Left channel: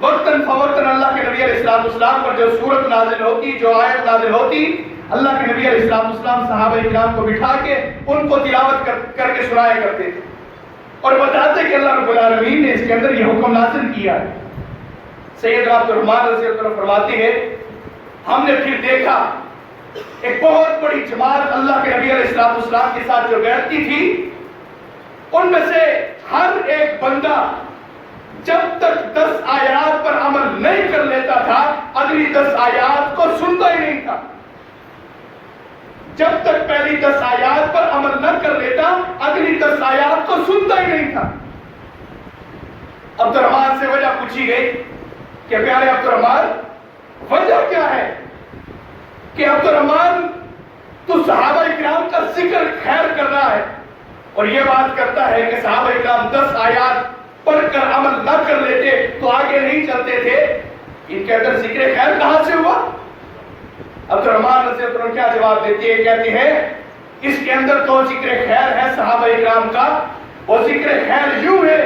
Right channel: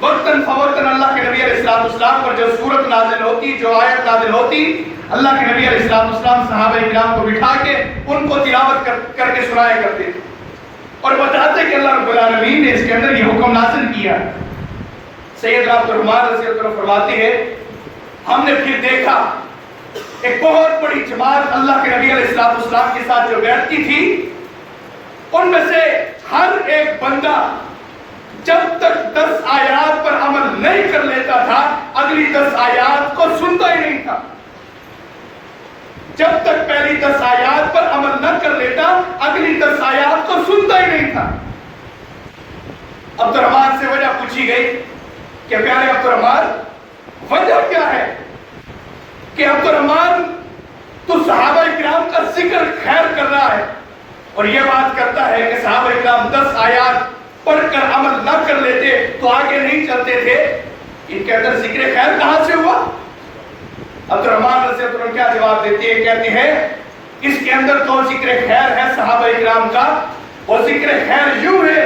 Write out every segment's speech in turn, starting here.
وقتاً فوقتاً اللہ کے نبی علیہ السلام پر جو سورت نازل ہوتی، جو آیت نازل ہوتی، اللہ کے نبی علیہ السلام صحابہ کرام کو بٹھا کے ان کو تلاوت کر کے سنایا کرتے تھے اور بتاتے کہ اللہ رب العالمین نے اس کے اندر یہ حکم نازل کیا۔ سیدنا عبد الرحمن رضی اللہ عنہ فرماتے ہیں ہم نے پھر دیکھا ایک بہت بڑی جماعت اللہ کے نبی علیہ السلام کے ساتھ جو بیٹھتی تھی، ان میں سے ہر ایک بندہ جب تک 10 آیات پر عمل نہیں کر لیتا تھا اگلی 10 آیات کو سنتا ہی نہیں تھا۔ جب تک پہلی 10 آیات پر عمل نہ کر لیتا اگلی 10 آیات کو سنتا ہی نہیں تھا۔ عبد الرحمن سے وجہ پوچھی گئی کہ پیارے عبد الرحمن وجہ کیا ہے کہ عبد الرحمن تو صحابہ کرام کا ذکر خیر کر رہا ہے اور یہ بات کرتا ہے کہ صحابہ کرام 10 آیات پڑھ کر عمل نہ کر لیتے تو آگے نہیں چلتے تھے، ان کے اندر ذکر خیر کہاں سے ہوا؟ عبد الرحمن رضی اللہ عنہ کیا جواب دیتے ہیں؟ کہتے ہیں اس کے اندر تو ذکر خیر ہے صحابہ کرام کا، وہ ذکر خیر یوں ہے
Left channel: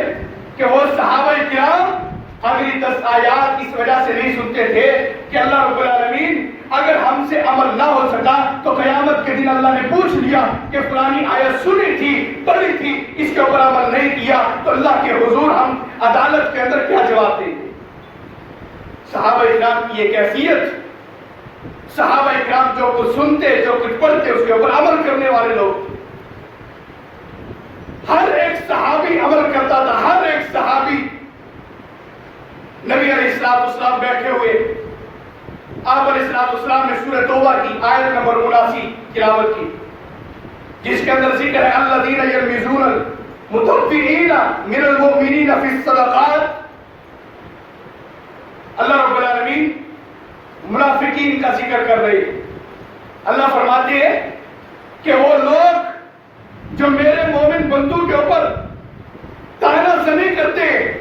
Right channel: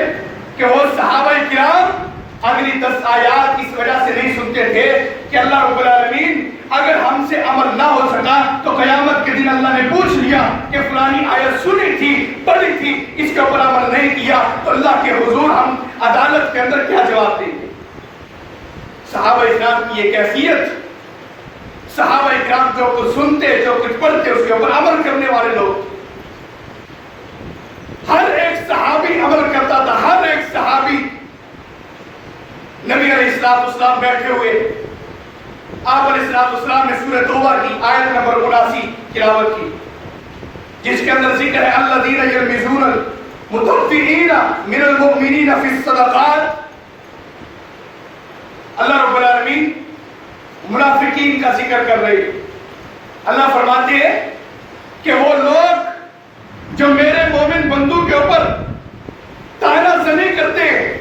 کہ وہ صحابہ کرام اگلی 10 آیات اس وجہ سے نہیں سنتے تھے کہ اللہ رب العالمین اگر ہم سے عمل نہ ہو سکا تو قیامت کے دن اللہ نے پوچھ لیا کہ فلانی آیت سنی تھی، پڑھی تھی، اس کے اوپر عمل نہیں کیا تو اللہ کے حضور ہم عدالت کے اندر کیا جواب دیں گے؟ صحابہ کرام کی یہ کیفیت، صحابہ کرام جو کچھ سنتے، جو کچھ پڑھتے، اس کے اوپر عمل کرنے والے لوگ، ہر ایک صحابی عمل کرتا تھا، ہر ایک صحابی۔ نبی علیہ السلام بیٹھے ہوئے، آپ علیہ السلام نے سورہ توبہ کی آیت نمبر 79 تلاوت کی، جس کے اندر ذکر ہے الذین یلمزون المطوفین من المؤمنین فی الصدقات۔ اللہ رب العالمین منافقین کا ذکر کر رہے ہیں۔ اللہ فرماتے ہیں کہ وہ لوگ جو میرے مومن بندوں کے اوپر طعنہ زنی کرتے ہیں،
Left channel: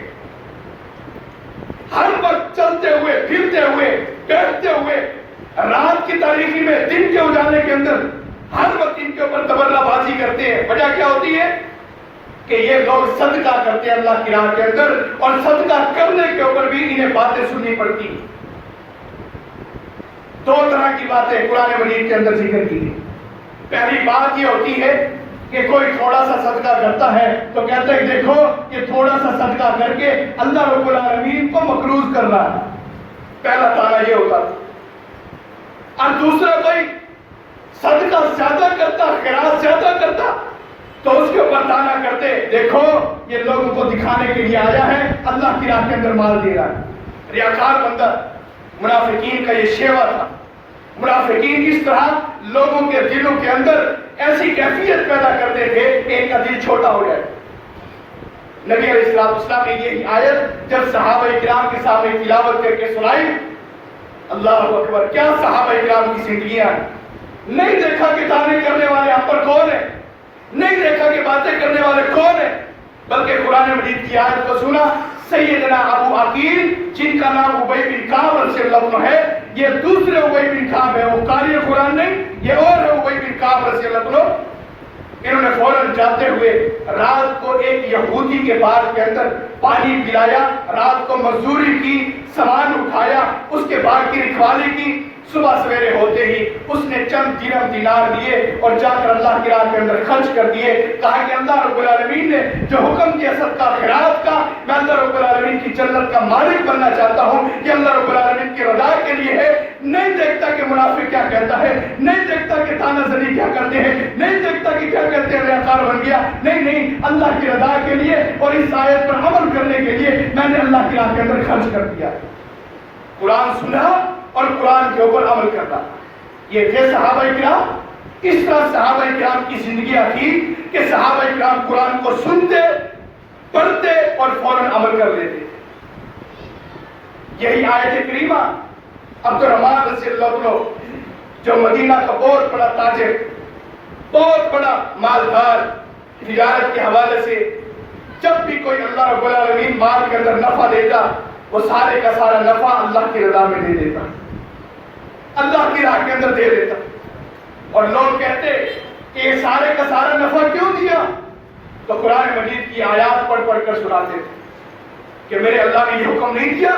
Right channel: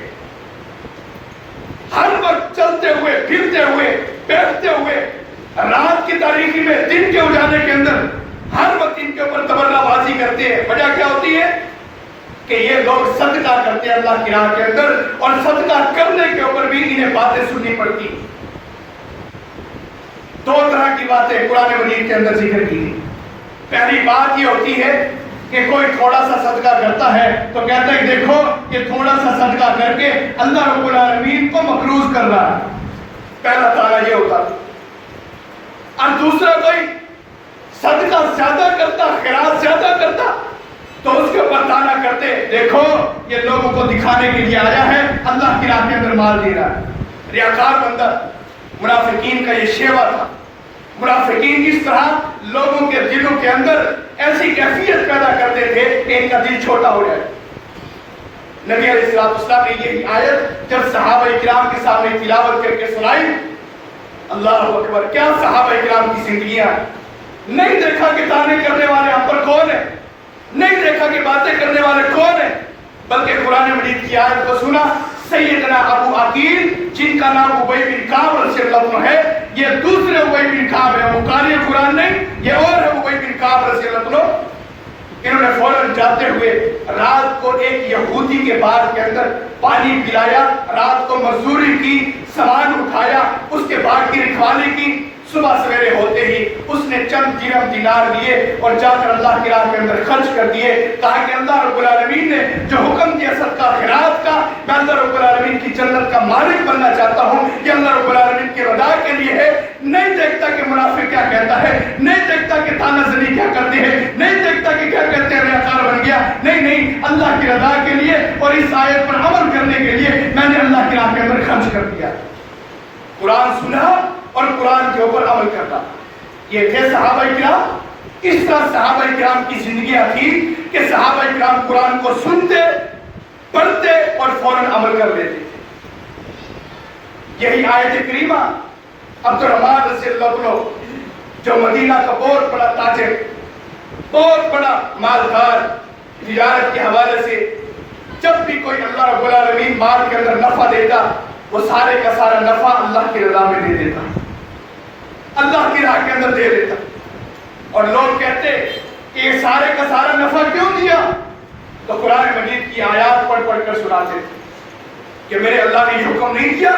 ہر وقت چلتے ہوئے، پھرتے ہوئے، بیٹھتے ہوئے، رات کی تاریکی میں، دن کے اجالے کے اندر ہر وقت ان کے اوپر تبرہ بازی کرتے ہیں۔ وجہ کیا ہوتی ہے کہ یہ لوگ صدقہ کرتے ہیں اللہ کی راہ کے اندر، اور صدقہ کرنے کے اوپر بھی انہیں باتیں سننی پڑتی ہیں۔ دو طرح کی باتیں قرآن مجید کے اندر ذکر کی ہیں۔ پہلی بات یہ ہوتی ہے کہ کوئی تھوڑا سا صدقہ کرتا ہے تو کہتا ہے دیکھو یہ تھوڑا سا صدقہ کر کے اللہ رب العالمین کو مقروض کر رہا ہے، پہلا تعالیٰ یہ ہوتا ہے۔ اور دوسرا کوئی صدقہ زیادہ کرتا، خیرات زیادہ کرتا تو اس کے اوپر طعنہ کرتے، دیکھو یہ لوگوں کو دکھانے کے لیے آیا ہے، اللہ کی راہ کے اندر مال دے رہا ہے۔ ریاکار بندہ، منافقین کا یہ شیوا تھا۔ منافقین اس طرح لوگوں کے دلوں کے اندر ایسی کیفیت پیدا کرتے تھے کہ ان کا دل چھوٹا ہو جائے۔ نبی علیہ السلام نے یہی آیت جب صحابہ کرام کے سامنے تلاوت کر کے سنائی، اللہ اکبر، کیا صحابہ کرام کی زندگیاں! نہیں دیکھا کہ طعنے کرنے والے ہم پر کون ہیں، نہیں دیکھا کہ باتیں کرنے والے کون ہیں، بلکہ قرآن مجید کی آیت کو سنا۔ سیدنا ابو عقیل جن کا نام ابی بن کعب رضی اللہ عنہ ہے، یہ دوسرے ابی بن کعب ہے، وہ قاری قرآن نہیں، یہ اور ہے ابی بن کعب رضی اللہ عنہ۔ انہوں نے فوراً جاتے ہوئے رات کو ایک یہودی کے باغ کے اندر پانی پلایا، رات کو مزدوری کی، سامان اٹھایا، اس کے باغ کی رکھوالی کی۔ صبح سویرے ہوتے ہی اس نے چند درہم دینار لیے اور جا کر اللہ کی راہ کے اندر خرچ کر دیے۔ کہا کہ اللہ رب العالمین نے جو حکم دیا صدقہ خیرات کا، میں اللہ رب العالمین کی جنت کا مالک بننا چاہتا ہوں، یہ اللہ رب العالمین کی رضا کے لیے ہے۔ نہیں دیکھتا کہ منافق کیا کہتا ہے، نہیں دیکھتا کہ طعنہ زنی کیا کرتے ہیں، نہیں دیکھتا کہ کیا کہتے ہیں ریاکار بن گیا، نہیں، اللہ کی رضا کے لیے اور اس آیت پر عمل کرنے کے لیے میں نے اللہ کی راہ کے اندر خرچ کر دیا۔ قرآن سنا اور قرآن کے اوپر عمل کرنا، یہ تھے صحابہ کرام۔ اس طرح صحابہ کرام کی زندگیاں تھی کہ صحابہ کرام قرآن کو سنتے، پڑھتے اور فوراً عمل کر لیتے۔ یہی آیت کریمہ عبد الرحمن رضی اللہ عنہ جو مدینہ کا بہت بڑا تاجر، بہت بڑا مالدار، تجارت کے حوالے سے جب بھی کوئی اللہ رب العالمین مال کے اندر نفع دیتا، وہ سارے کا سارا نفع اللہ کی رضا میں دے دیتا، اللہ کی راہ کے اندر دے دیتا۔ اور لوگ کہتے کہ یہ سارے کا سارا نفع کیوں دیا؟ تو قرآن مجید کی آیات پڑھ کر سناتے تھے کہ میرے اللہ نے یہ حکم نہیں دیا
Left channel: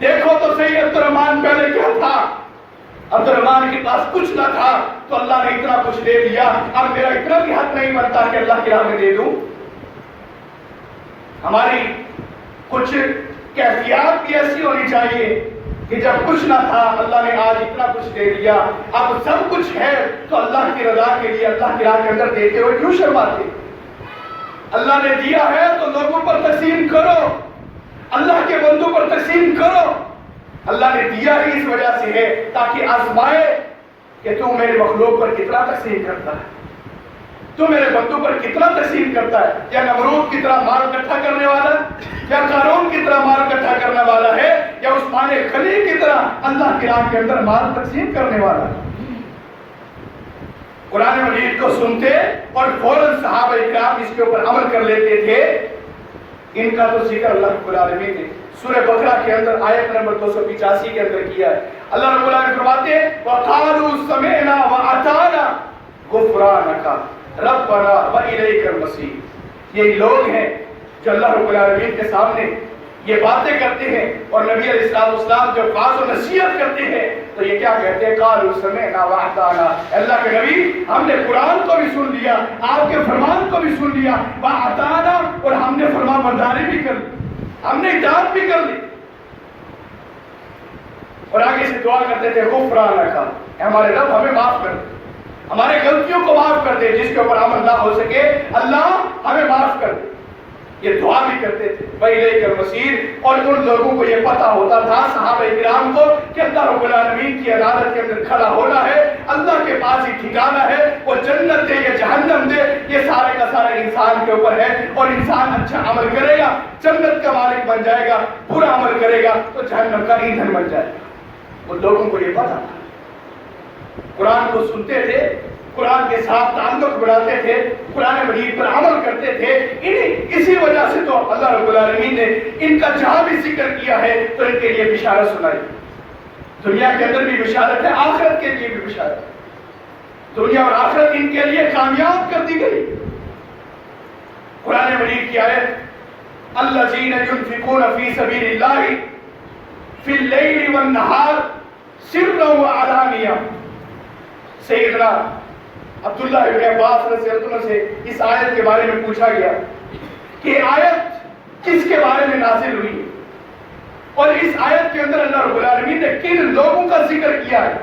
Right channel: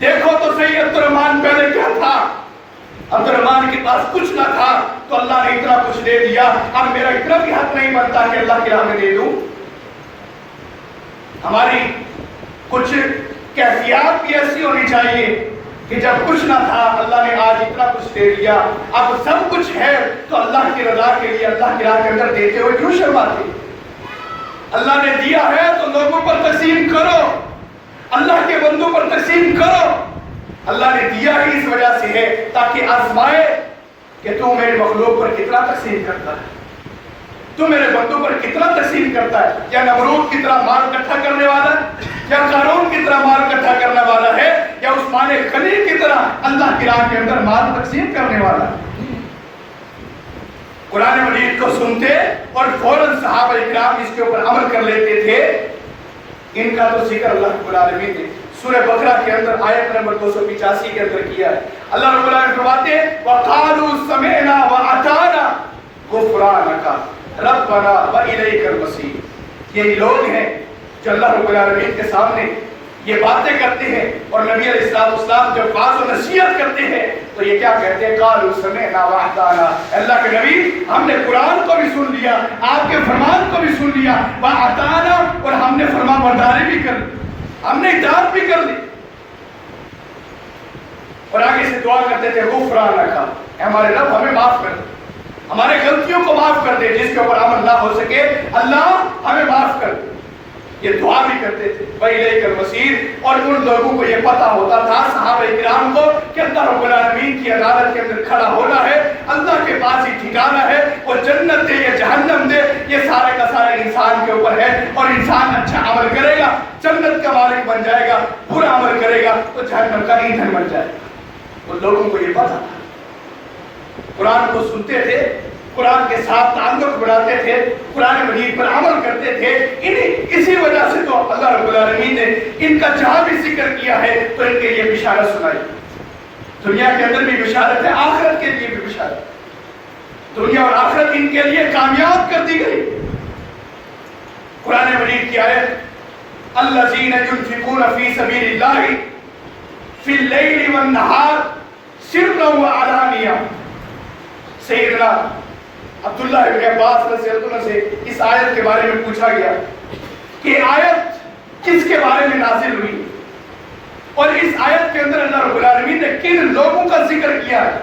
دیکھو تو صحیح عبد الرحمن پہلے کیا تھا؟ عبد الرحمن کے پاس کچھ نہ تھا تو اللہ نے اتنا کچھ دے دیا، اب میرا اتنا بھی حق نہیں بنتا کہ اللہ کی راہ میں دے دوں؟ ہماری کچھ کیفیات بھی ایسی ہونی چاہیے کہ جب کچھ نہ تھا اللہ نے آج اتنا کچھ دے دیا، اب سب کچھ ہے تو اللہ کی رضا کے لیے اللہ کی راہ کے اندر دیتے ہوئے کیوں شرماتے؟ اللہ نے دیا ہے تو لوگوں پر تقسیم کرو، اللہ کے بندوں پر تقسیم کرو۔ اللہ نے دیا ہی اس وجہ سے ہے تاکہ آزمائے کہ تو میرے مخلوق پر کتنا تقسیم کرتا ہے، تو میرے بندوں پر کتنا تقسیم کرتا ہے۔ یا نمرود کی طرح مال اکٹھا کرنے والا ہے، یا قارون کی طرح مال اکٹھا کرنے والا ہے، یا عثمان غنی کی طرح اللہ کی راہ کے اندر مال تقسیم کرنے والا ہے۔ قرآن مجید کو سنتے اور فوراً صحابہ اکرام اس کے اوپر عمل کر لیتے تھے۔ ان کا تو ذکر اللہ رب العالمین نے سورہ بقرہ کے اندر آیت نمبر 285 کے اندر کیا ہے۔ اللہ رب العالمین فرماتے ہیں وَقَالُوا سَمِعْنَا وَأَطَعْنَا غُفْرَانَكَ رَبَّنَا وَإِلَيْكَ الْمَصِيرُ۔ یہ لوگ ہیں جو اللہ رب العالمین کے سامنے یہ باتیں کرتے ہیں اور نبی علیہ السلام جب واعظ و نصیحت کرتے ہیں تو یہ کیا کہتے ہیں؟ قَالُوا سَمِعْنَا وَأَطَعْنَا، اللہ کے نبی ہم نے قرآن کو بھی سن لیا، آپ کے فرمان کو بھی سن لیا، وَأَطَعْنَا، اور ہم نے فرما برداری بھی کر لی، ہم نے اطاعت بھی کر لی۔ اور آگے سے دعا کرتے تھے غفرانک، ہمارے رب ہمیں معاف کر دے، ہمارے غلطیوں کو معاف کر دے، جس کے اوپر عمل نہ ہو سکے اللہ ہمیں معاف کر دے۔ یہ دعا بھی کرتے تھے وَإِلَيْكَ الْمَصِيرُ۔ اور ان لوگوں کو یہ پتا ہوتا تھا صحابہ اکرام کو کہ اللہ رب العالمین کی عدالت کے اندر کھڑا ہونا ہے، اللہ کے پاس ہی ٹھکانا ہے، وہ جنت دے یا جہنم دے یہ سارا کا سارا انسان کے اوپر ہے، اور انسان اچھا عمل کرے گا جنت کا مالک بن جائے گا، برا عمل کرے گا تو جہنم کا ایندھن بن جائے گا۔ تو لوگوں کو یہ پتا تھا، قرآن کو سنتے تھے، قرآن کے ساتھ تعلق بناتے تھے، قرآن مجید پر عمل کرتے تھے۔ اسی وجہ سے تو اللہ رب العالمین نے ان کا جہاں بھی ذکر کیا ہے تو ان کے لیے بشارت سنائی۔ دنیا کے اندر بھی بشارت ہے، آخرت کے لیے بھی بشارت، دنیا اور آخرت ان کے لیے کامیاب کر دی گئی۔ قرآن مجید کی آیت الذین ينفقون فی سبیل اللہ فی اللیل والنہار سرا وعلانیہ۔ سیدنا عبداللہ ابن عباس رضی اللہ عنہ سے اس آیت کے بارے میں پوچھا گیا کہ آیت کس کے بارے میں نازل ہوئی، اور اس آیت کے اندر اللہ رب العالمین نے کن لوگوں کا ذکر کیا ہے۔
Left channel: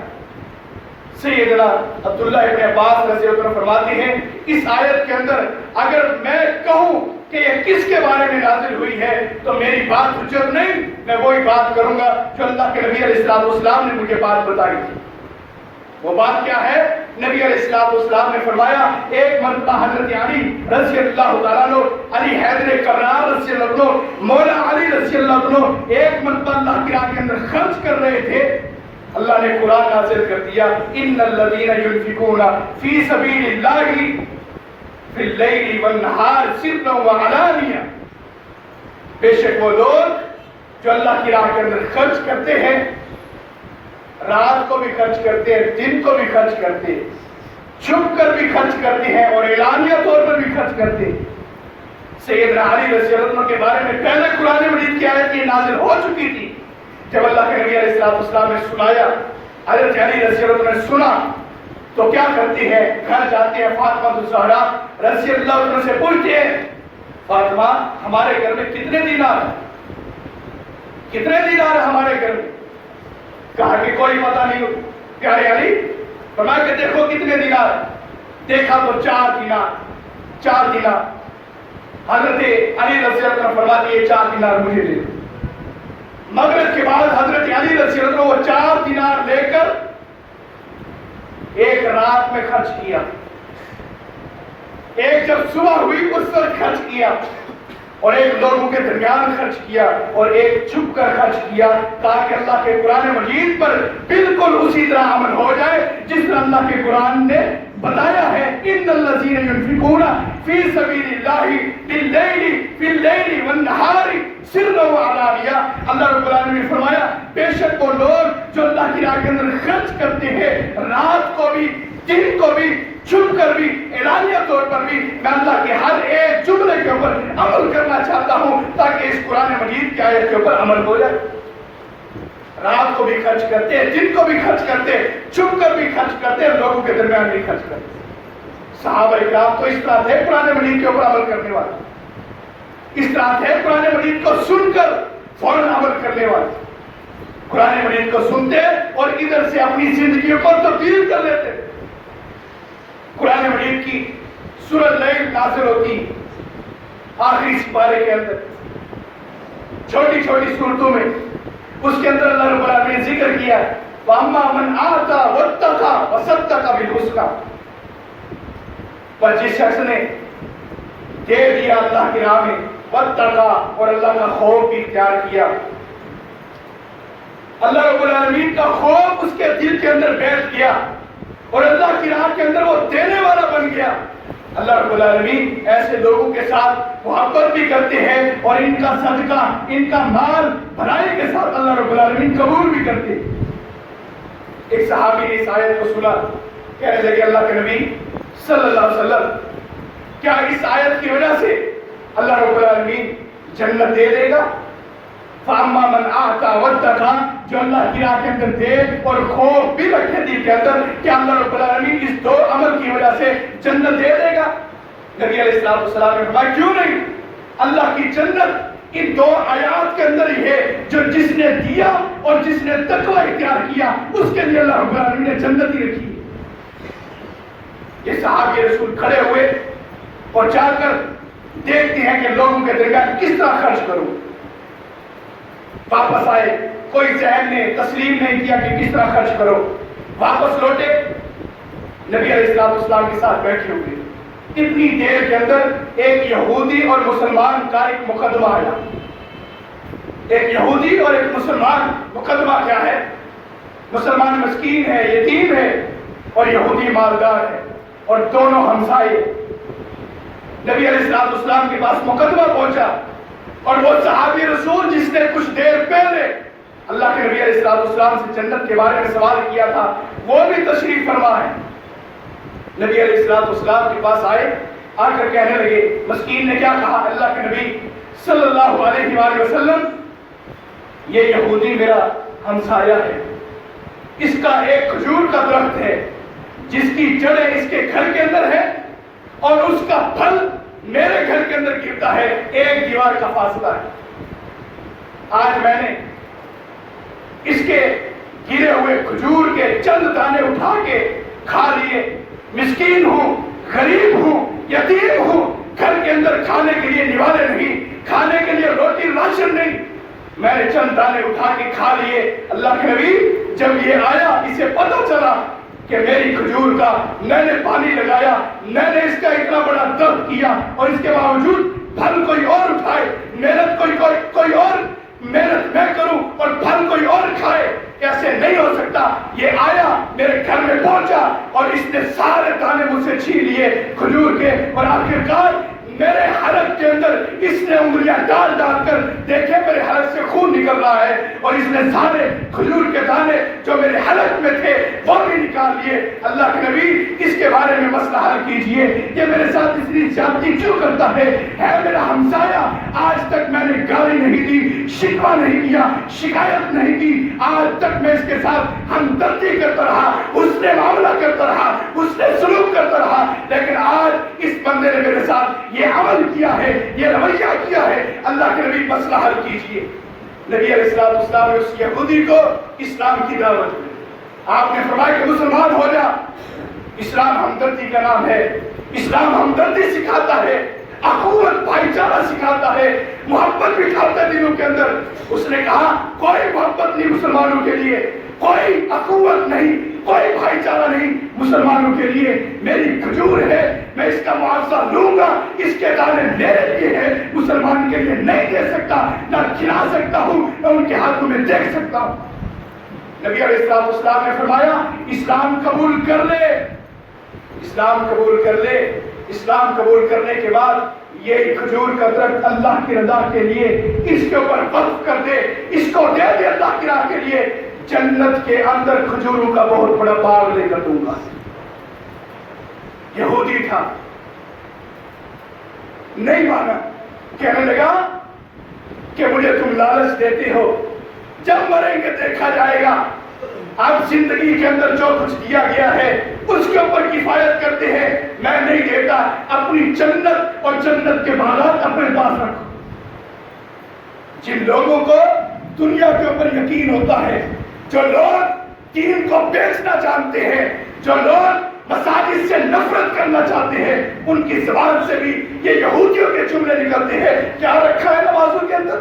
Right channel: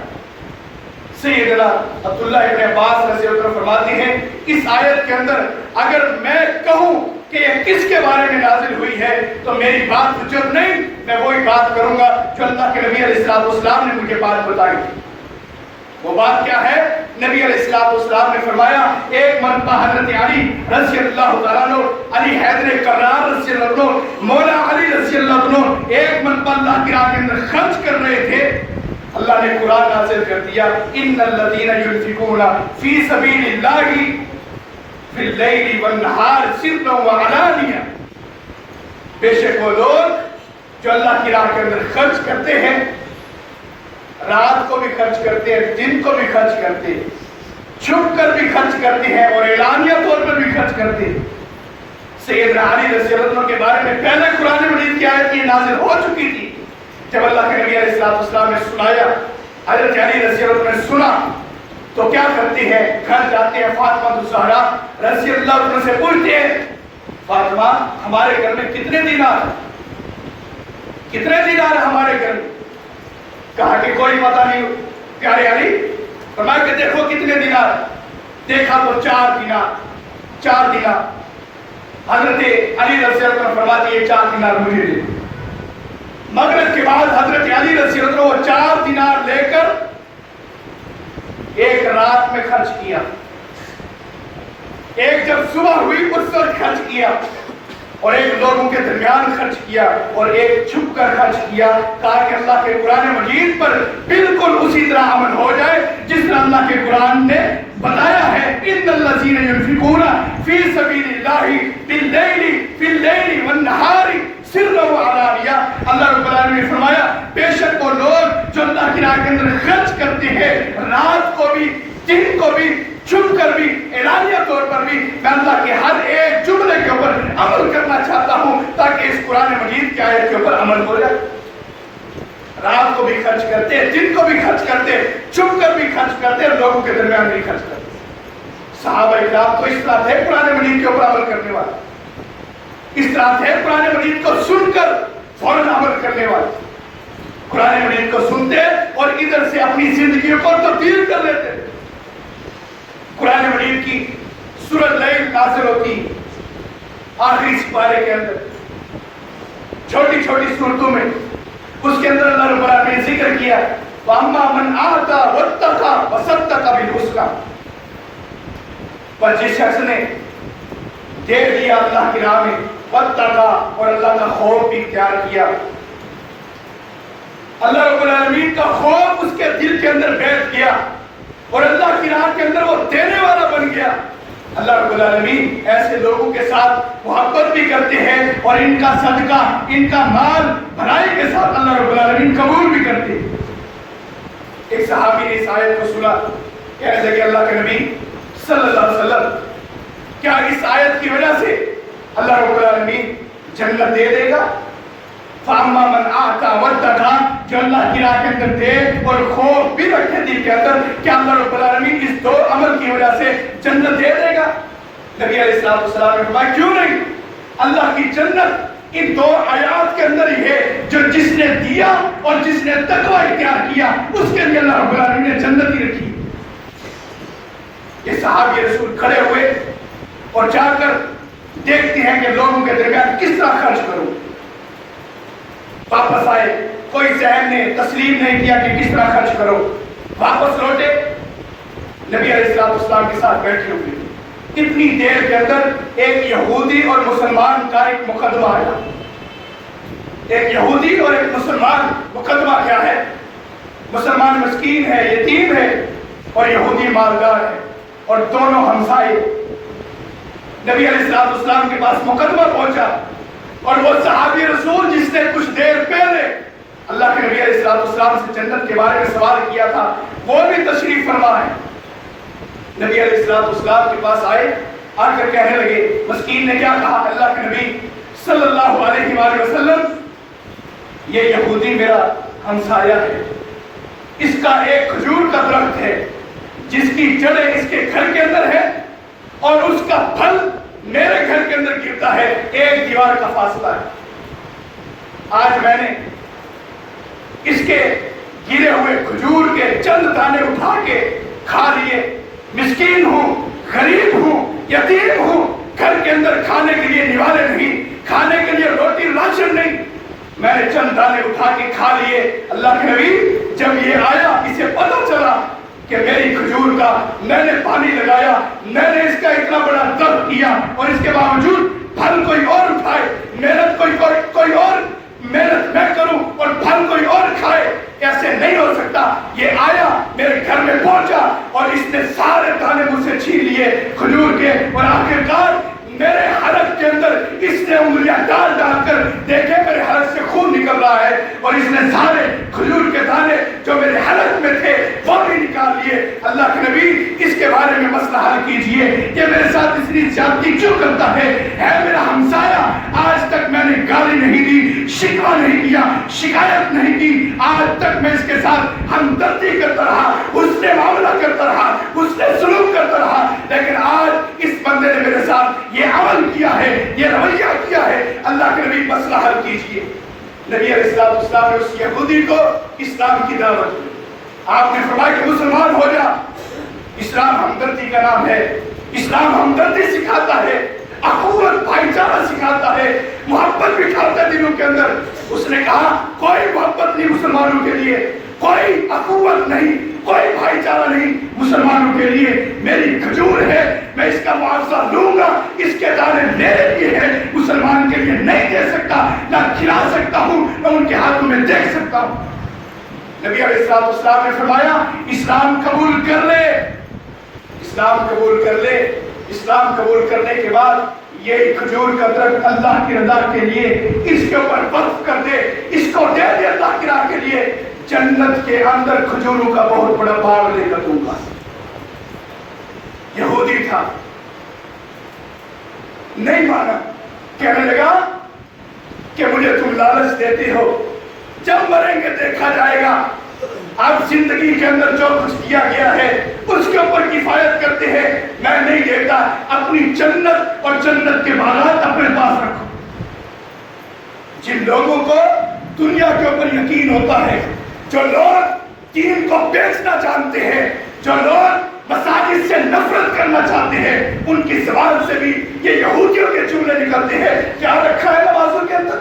سیدنا عبداللہ ابن عباس رضی اللہ عنہ فرماتے ہیں اس آیت کے اندر اگر میں کہوں کہ یہ کس کے بارے میں نازل ہوئی ہے تو میری بات حجت نہیں، میں وہی بات کروں گا جو اللہ کے نبی علیہ السلام نے مجھے بات بتائی تھی۔ وہ بات کیا ہے؟ نبی علیہ السلام نے فرمایا ایک مرتبہ حضرت علی رضی اللہ تعالیٰ عنہ، علی حیدر کرار رضی اللہ عنہ، مولا علی رضی اللہ عنہ ایک مرتبہ اللہ کی راہ کے اندر خرچ کر رہے تھے، اللہ نے قرآن نازل کر دیا ان الذین ينفقون فی سبیل اللہ فی اللیل والنہار سرا وعلانیہ۔ بے شک وہ لوگ جو اللہ کی راہ کے اندر خرچ کرتے ہیں، رات کو بھی خرچ کرتے ہیں، دن کو بھی خرچ کرتے ہیں، چھپ کر بھی خرچ کرتے ہیں اور اعلانیہ طور پر بھی خرچ کرتے ہیں۔ سیدنا علی رضی اللہ عنہ کے بارے میں پہلے قرآن مجید کی آیت یہ نازل ہو چکی تھی، جب اللہ کے نبی علیہ السلام نے سنایا، حضرت علی رضی اللہ عنہ نے سنا تو کیا کرتے ہیں؟ گھر جاتے ہیں، فاطمہ الزہرا رضی اللہ عنہ سے پوچھتے ہیں فاطمہ ہمارے گھر میں کتنے دینار ہیں ہمارے گھر میں؟ کہا کہ کوئی پتہ نہیں ہو۔ پیارے علی فرمایا کہ دیکھو کتنے دینار، دیکھا تو 4 دینار۔ حضرت علی رضی اللہ عنہ فرماتے ہیں 4 دینار مجھے دے۔ مغرب کے بعد حضرت علی رضی اللہ عنہ وہ 4 دینار لے کر ایک رات میں خرچ کیا، ایک جب صبح ہوئی اس وقت خرچ کیا، اور ایک لوگوں کے درمیان خرچ کیا، اور ایک چھپ کر خرچ کیا تاکہ اللہ کے قرآن مجید پر بالکل اسی طرح عمل ہو جائے جس طرح اللہ کے قرآن نے بتایا ہے ان الذین ينفقون فی سبیل اللہ فی اللیل والنہار سرا وعلانیہ۔ اللہ رب العالمین نے فرمایا بے شک وہ لوگ جو اللہ کی راہ کے اندر خرچ کرتے ہیں، رات کو بھی دن کو بھی، چھپ کر بھی، اعلانیہ طور پر بھی، میں اللہ کے ہر ایک جملے کے اوپر عمل کرنا چاہتا ہوں تاکہ اس قرآن مجید کی آیت کے اوپر عمل ہو جائے۔ رات کو بھی خرچ کرتے، دن کو بھی خرچ کرتے، چھپ کر بھی خرچ کرتے، لوگوں کے درمیان بھی خرچ کرتے۔ صحابہ کرام تو اس طرح تھے قرآن مجید کے اوپر عمل کرنے والے، اس طرح تھے قرآن مجید کو سن کر فوراً عمل کرنے والے، قرآن مجید کو سنتے اور ادھر سے اپنی زندگیوں کو تبدیل کر لیتے۔ قرآن مجید کی سورہ لیل نازل ہوتی آخری سپارے کے اندر، چھوٹی چھوٹی صورتوں میں، اس کے اندر اللہ رب العالمین نے ذکر کیا وَأَمَّا مَنْ آتَى وَاتَّقَى وَصَدَّقَ بِالْحُسْنَى، پر جس شخص نے دے دیا اللہ کی راہ میں، وَاتَّقَى اور اللہ کا خوف بھی اختیار کیا، اللہ رب العالمین کا خوف اس کے دل کے اندر بیٹھ گیا اور اللہ کی راہ کے اندر وہ دینے والا بن گیا، اللہ رب العالمین ایسے لوگوں کے ساتھ محبت بھی کرتے ہیں اور ان کا صدقہ، ان کا مال بھلائی کے ساتھ اللہ رب العالمین قبول بھی کرتے ہیں۔ ایک صحابی نے اس آیت کو سنا، کہنے لگے اللہ کے نبی صلی اللہ علیہ وسلم، کیا اس آیت کی وجہ سے اللہ رب العالمین جنت دے دے گا؟ فَأَمَّا مَنْ آتَى وَاتَّقَى، جو اللہ کی راہ کے اندر دے اور خوف بھی رکھے دل کے اندر، کیا اللہ رب العالمین اس دو عمل کی وجہ سے جنت دے دے گا؟ نبی علیہ السلام نے فرمایا کیوں نہیں، اللہ کی جنت ان دو آیات کے اندر ہی ہے، جو جس نے دیا اور جس نے تقوی اختیار کیا اس کے لیے اللہ رب العالمین نے جنت ہی رکھی۔ یہ صحابی رسول کھڑے ہوئے اور جا کر دیکھتے ہیں کہ لوگوں کے درمیان کس طرح خرچ کروں، واپس آئے، کوئی ذہن نے تسلیم نہیں کیا کہ کس طرح خرچ کرو، واپس لوٹے، نبی علیہ السلام کے ساتھ بیٹھے ہوئے، اتنی دیر کے اندر ایک یہودی اور مسلمان کا ایک مقدمہ ہے۔ ایک یہودی اور ایک مسلمان، مقدمہ کیا ہے؟ مسلمان مسکین ہے، یتیم ہے، اور یہودی مالدار ہے، اور دونوں ہمسائے۔ نبی علیہ السلام کے پاس مقدمہ پہنچا اور وہ صحابی رسول جس نے کچھ دیر پہلے اللہ کے نبی علیہ السلام سے جنت کے بارے میں سوال کیا تھا، وہ بھی تشریف فرما ہے۔ نبی علیہ السلام کے پاس آئے، آ کر کہنے لگے، مسکین نے کیا کہا؟ اللہ کے نبی صلی اللہ علیہ وآلہ وسلم، یہ یہودی میرا ہمسایہ ہے، اس کا ایک کھجور کا درخت ہے جس کی جڑیں اس کے گھر کے اندر ہے اور اس کا پھل میرے گھر کے اندر گرتا ہے، ایک دیوار کا فاصلہ ہے۔ آج میں نے اس کے گرے ہوئے کھجور کے چند دانے اٹھا کے کھا لیے، مسکین ہوں، غریب ہوں، یتیم ہوں، گھر کے اندر کھانے کے لیے نوالے نہیں، کھانے کے لیے روٹی راشن نہیں، میں نے چند دانے اٹھا کے کھا لیے۔ اللہ کے نبی جب یہ آیا، اسے پتہ چلا کہ میری کھجور کا میں نے پانی لگایا، میں نے اس کا اتنا بڑا درخت کیا اور اس کے باوجود پھل کوئی اور اٹھائے، محنت کوئی اور محنت میں کروں اور پھل کوئی اور کھائے، ایسے نہیں ہو سکتا۔ یہ آیا، میرے گھر میں پہنچا اور اس نے سارے دانے مجھ سے چھین لیے کھجور کے، اور آخرکار میرے حلق کے اندر اس نے انگلیاں ڈال کر دیکھے میرے حلق سے خون نکل رہا ہے، اور اس نے سارے کھجور کے دانے جو میرے حلق میں تھے وہ بھی نکال لیے۔ اللہ کے نبی اس کے بارے میں مسئلہ حل کیجئے، یہ میرے ساتھ اتنی زیادتی کیوں کرتا ہے میرا ہمسایہ، آج تک میں نے گالی نہیں دی، شکوہ نہیں کیا، شکایت نہیں کی، آج تک میں اس کے ساتھ ہمدردی کرتا رہا، اس نے معاملہ کرتا رہا، اس نے سلوک کرتا رہا، لیکن آج اس بندے نے میرے ساتھ یہ عمل کیا ہے، یہ رویہ کیا ہے۔ اللہ کے نبی مسئلہ حل کیجئے۔ نبی علیہ السلام نے اس یہودی کو اسلام کی دعوت دی، آپ نے فرمایا کہ مسلمان ہو جا۔ اسلام ہمدردی کا نام ہے، اسلام ہمدردی سکھاتا ہے، اخوت بھائی چارہ سکھاتا ہے، محبت بٹھاتا ہے دلوں کے اندر۔ اس نے کہا کوئی محبت نہیں مسلمانوں کے لیے، کوئی اخوت نہیں، کوئی بھائی چارہ نہیں مسلمانوں کے لیے، میری کھجور ہے، میں اس کا معاوضہ لوں گا، اس کے دانے میرے لیے ہے، مسلمان کے لیے نہیں دے سکتا، نہ کھلا سکتا ہوں، نہ ان کے ہاتھوں میں دیکھ سکتا ہوں۔ نبی علیہ السلام نے فرمایا اسلام قبول کر لے، اسلام قبول کر لے۔ اسلام قبول کرنے کے بعد یہ کھجور کا درخت اللہ کی رضا کے لیے اس کے اوپر وقف کر دے، اس کو دے دے اللہ کی راہ کے لیے، جنت کے اندر کھجوروں کا بہت بڑا باغ لے کر دوں گا۔ یہودی تھا، نہیں مانا، کہنے لگا کہ مجھے تم لالچ دیتے ہو، جب مریں گے دیکھا جائے گا. اب زندگی کے اندر جو کچھ دیا گیا ہے اس کے اوپر کفایت کرتے ہیں. میں نہیں دیتا، اپنی جنت اور جنت کے باغات اپنے پاس رکھو. جن لوگوں کو دنیا کے اوپر یقین ہوتا ہے، جو لوگ دین کو بیچنا جانتے ہیں، جو لوگ مساجد سے نفرت کرنا چاہتے ہیں، ان کی زبان سے بھی یہ یہودیوں کے جملے نکلتے ہیں. کیا رکھا ہے نمازوں کے اندر؟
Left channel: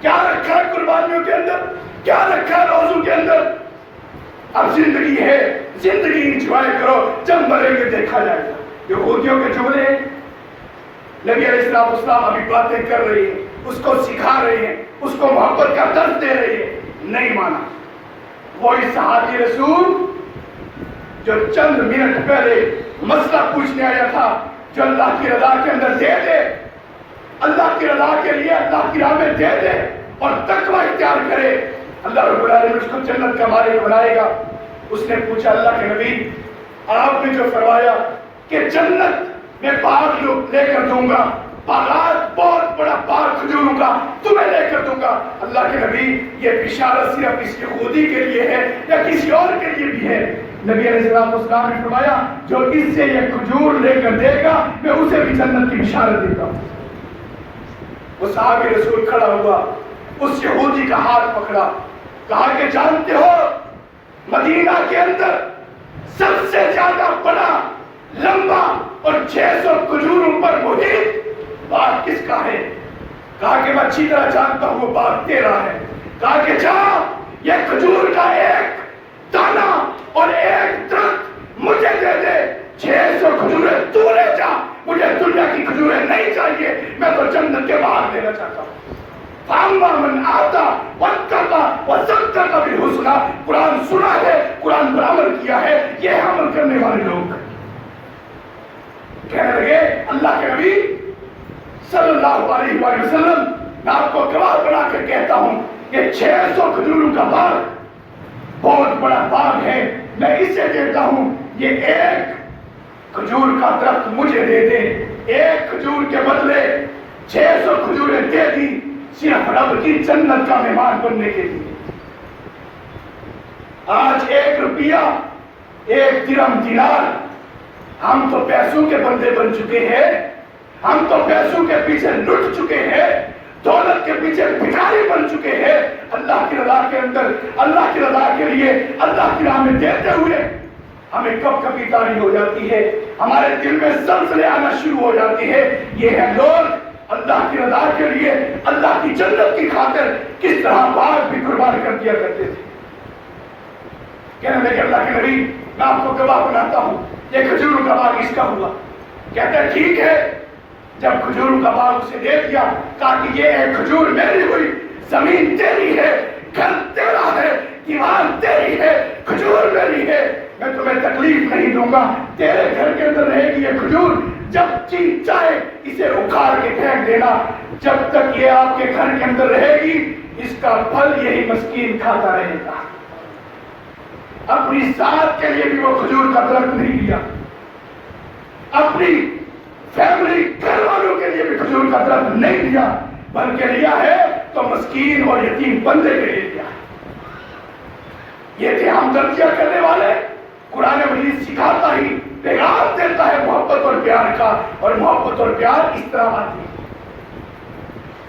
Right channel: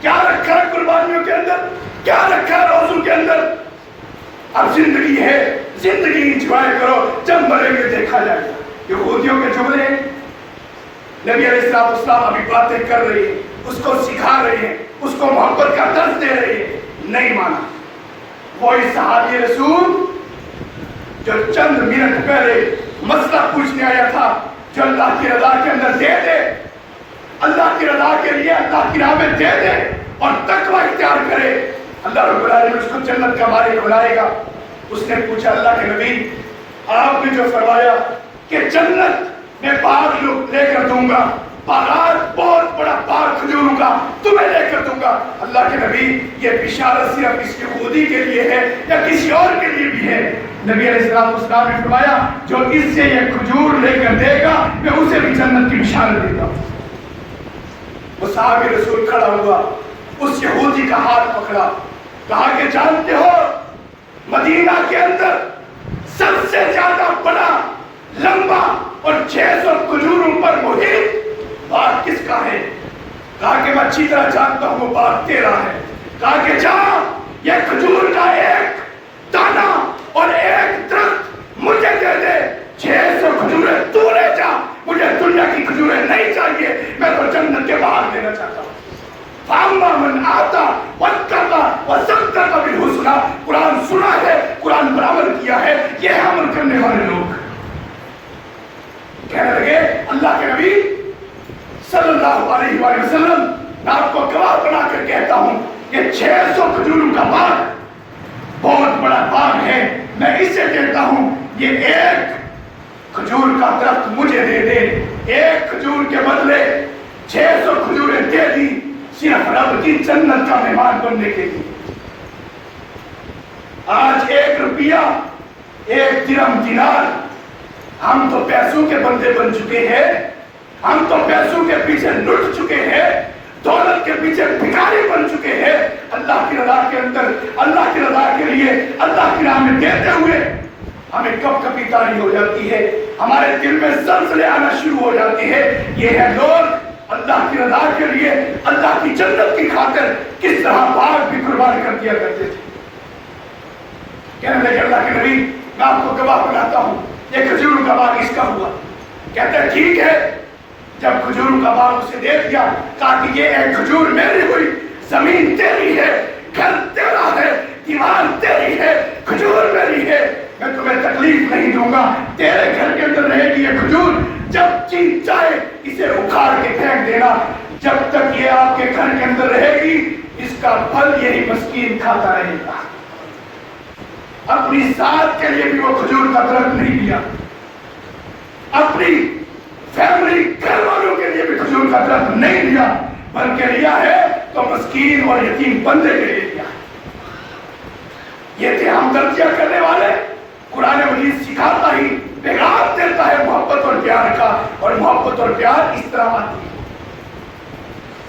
کیا رکھا ہے قربانیوں کے اندر؟ کیا رکھا ہے روزوں کے اندر؟ اب زندگی ہے، زندگی انجوائے کرو، جب مریں گے دیکھا جائے گا. یہودیوں کے جملے نبی علیہ السلام ابھی باتیں کر رہے ہیں، اس کو سکھا رہے ہیں، اس کو محبت کا درس دے رہے ہیں. نہیں مانا. وہی صحابی رسول جو چند منٹ پہلے مسئلہ پوچھنے آیا تھا، جو اللہ کی رضا کے اندر دے دے، اللہ کی رضا کے لیے اللہ کی راہ میں دے دے اور تقوی اختیار کرے، اللہ رب العالمین اس کو جنت کا مالک بنائے گا. اس نے پوچھا اللہ کے نبی، آپ نے جو فرمایا کہ جنت میں باغ لے کر دوں گا، باغات، بہت بڑا باغ کھجوروں کا تمہیں لے کر دوں گا. اللہ کے نبی یہ بشارت صرف اس یہودی کے لیے ہے یا کسی اور کے لیے بھی ہے؟ نبی علیہ السلام نے فرمایا جو اس سے یہ کھجور لے کر دے گا میں اسے بھی جنت کی بشارت دیتا ہوں. وہ صحابی رسول کھڑا ہوا، اس یہودی کا ہاتھ پکڑا، کہا کہ جانتے ہو مدینہ کے اندر سب سے زیادہ بڑا، لمبا اور 600 کھجوروں پر محیط باغ کس کا ہے؟ کہا کہ میں اچھی طرح جانتا ہوں وہ باغ تیرا ہے. کہا کہ جا یہ کھجور کا ایک دانہ اور ایک درخت مجھے دے دے، 600 کھجوریں تو لے جا، مجھے دنیا کی کھجوریں نہیں چاہیے، میں تو جنت کے باغ لینا چاہتا ہوں. فَأَمَّا مَنْ آتَى وَاتَّقَى وَصَدَّقَ بِالْحُسْنَى. قرآن سنا ہے، قرآن پر عمل کیا ہے، یہ عمل کرنے والے لوگ کہنے لگے اللہ کے نبی صلی اللہ علیہ وآلہ وسلم، میں آپ کو گواہ بنا کر کہتا ہوں کہ 600 کھجوروں کا باغ بہت بڑا باغ ہے، میں اسے کہتا ہوں یہ ایک کھجور کا درخت مجھے دے دے، ایک کھجور کے بدلے 600 کھجوریں دے دی، صرف رب کی جنت کا مہمان بننے کے لیے. آج 1 روپیہ، 1 درہم، دینار، ہم تو پیسوں کے بندے بن چکے ہیں، ہم تو پیسوں کے پیچھے لٹ چکے ہیں، دولت کے پیچھے بھکاری بن چکے ہیں. اللہ کی رضا کے اندر، اللہ کی رضا کے لیے، اللہ کی راہ میں دیتے ہوئے ہمیں کب کبھی تاری ہو جاتی ہے، ہمارے دل میں زلزلے آنا شروع ہو جاتی ہے. یہ ہے لوگ اللہ کی رضا کے لیے، اللہ کی جنت کی خاطر کس طرح باغ بھی قربان کر دیا کرتے تھے. کہنے لگے اللہ کے نبی میں آپ کو گواہ بناتا ہوں یہ کھجوروں کا باغ اس کا ہوا. کہتا ہے ٹھیک ہے. جب کھجوروں کا باغ اسے دے دیا، کہا کہ یہ ایک کھجور میری ہوئی، زمین تیری ہے، گھر تیرا ہے، دیوار تیری ہے، کھجور میری ہے، میں تمہیں تکلیف نہیں دوں گا، تیرے گھر کے اندر رہے گی یہ کھجور، جب جی چاہے اسے اکھاڑ کے پھینک دینا، جب تک یہ آپ کے گھر کے اندر رہے گی اس کا پھل یہی مسکین کھاتا رہے گا. اپنی ذات کے لیے بھی وہ کھجور کا درخت نہیں لیا، اپنی فیملی گھر والوں کے لیے بھی کھجور کا درخت نہیں لیا، بلکہ لیا ہے تو مسکین اور یتیم بندے کے لیے لیا. یہ تھے ہمدردیاں کرنے والے. قرآن مجید سکھاتا ہی پیغام دیتا ہے محبت اور پیار کا، اور محبت اور پیار اس طرح آتی ہے.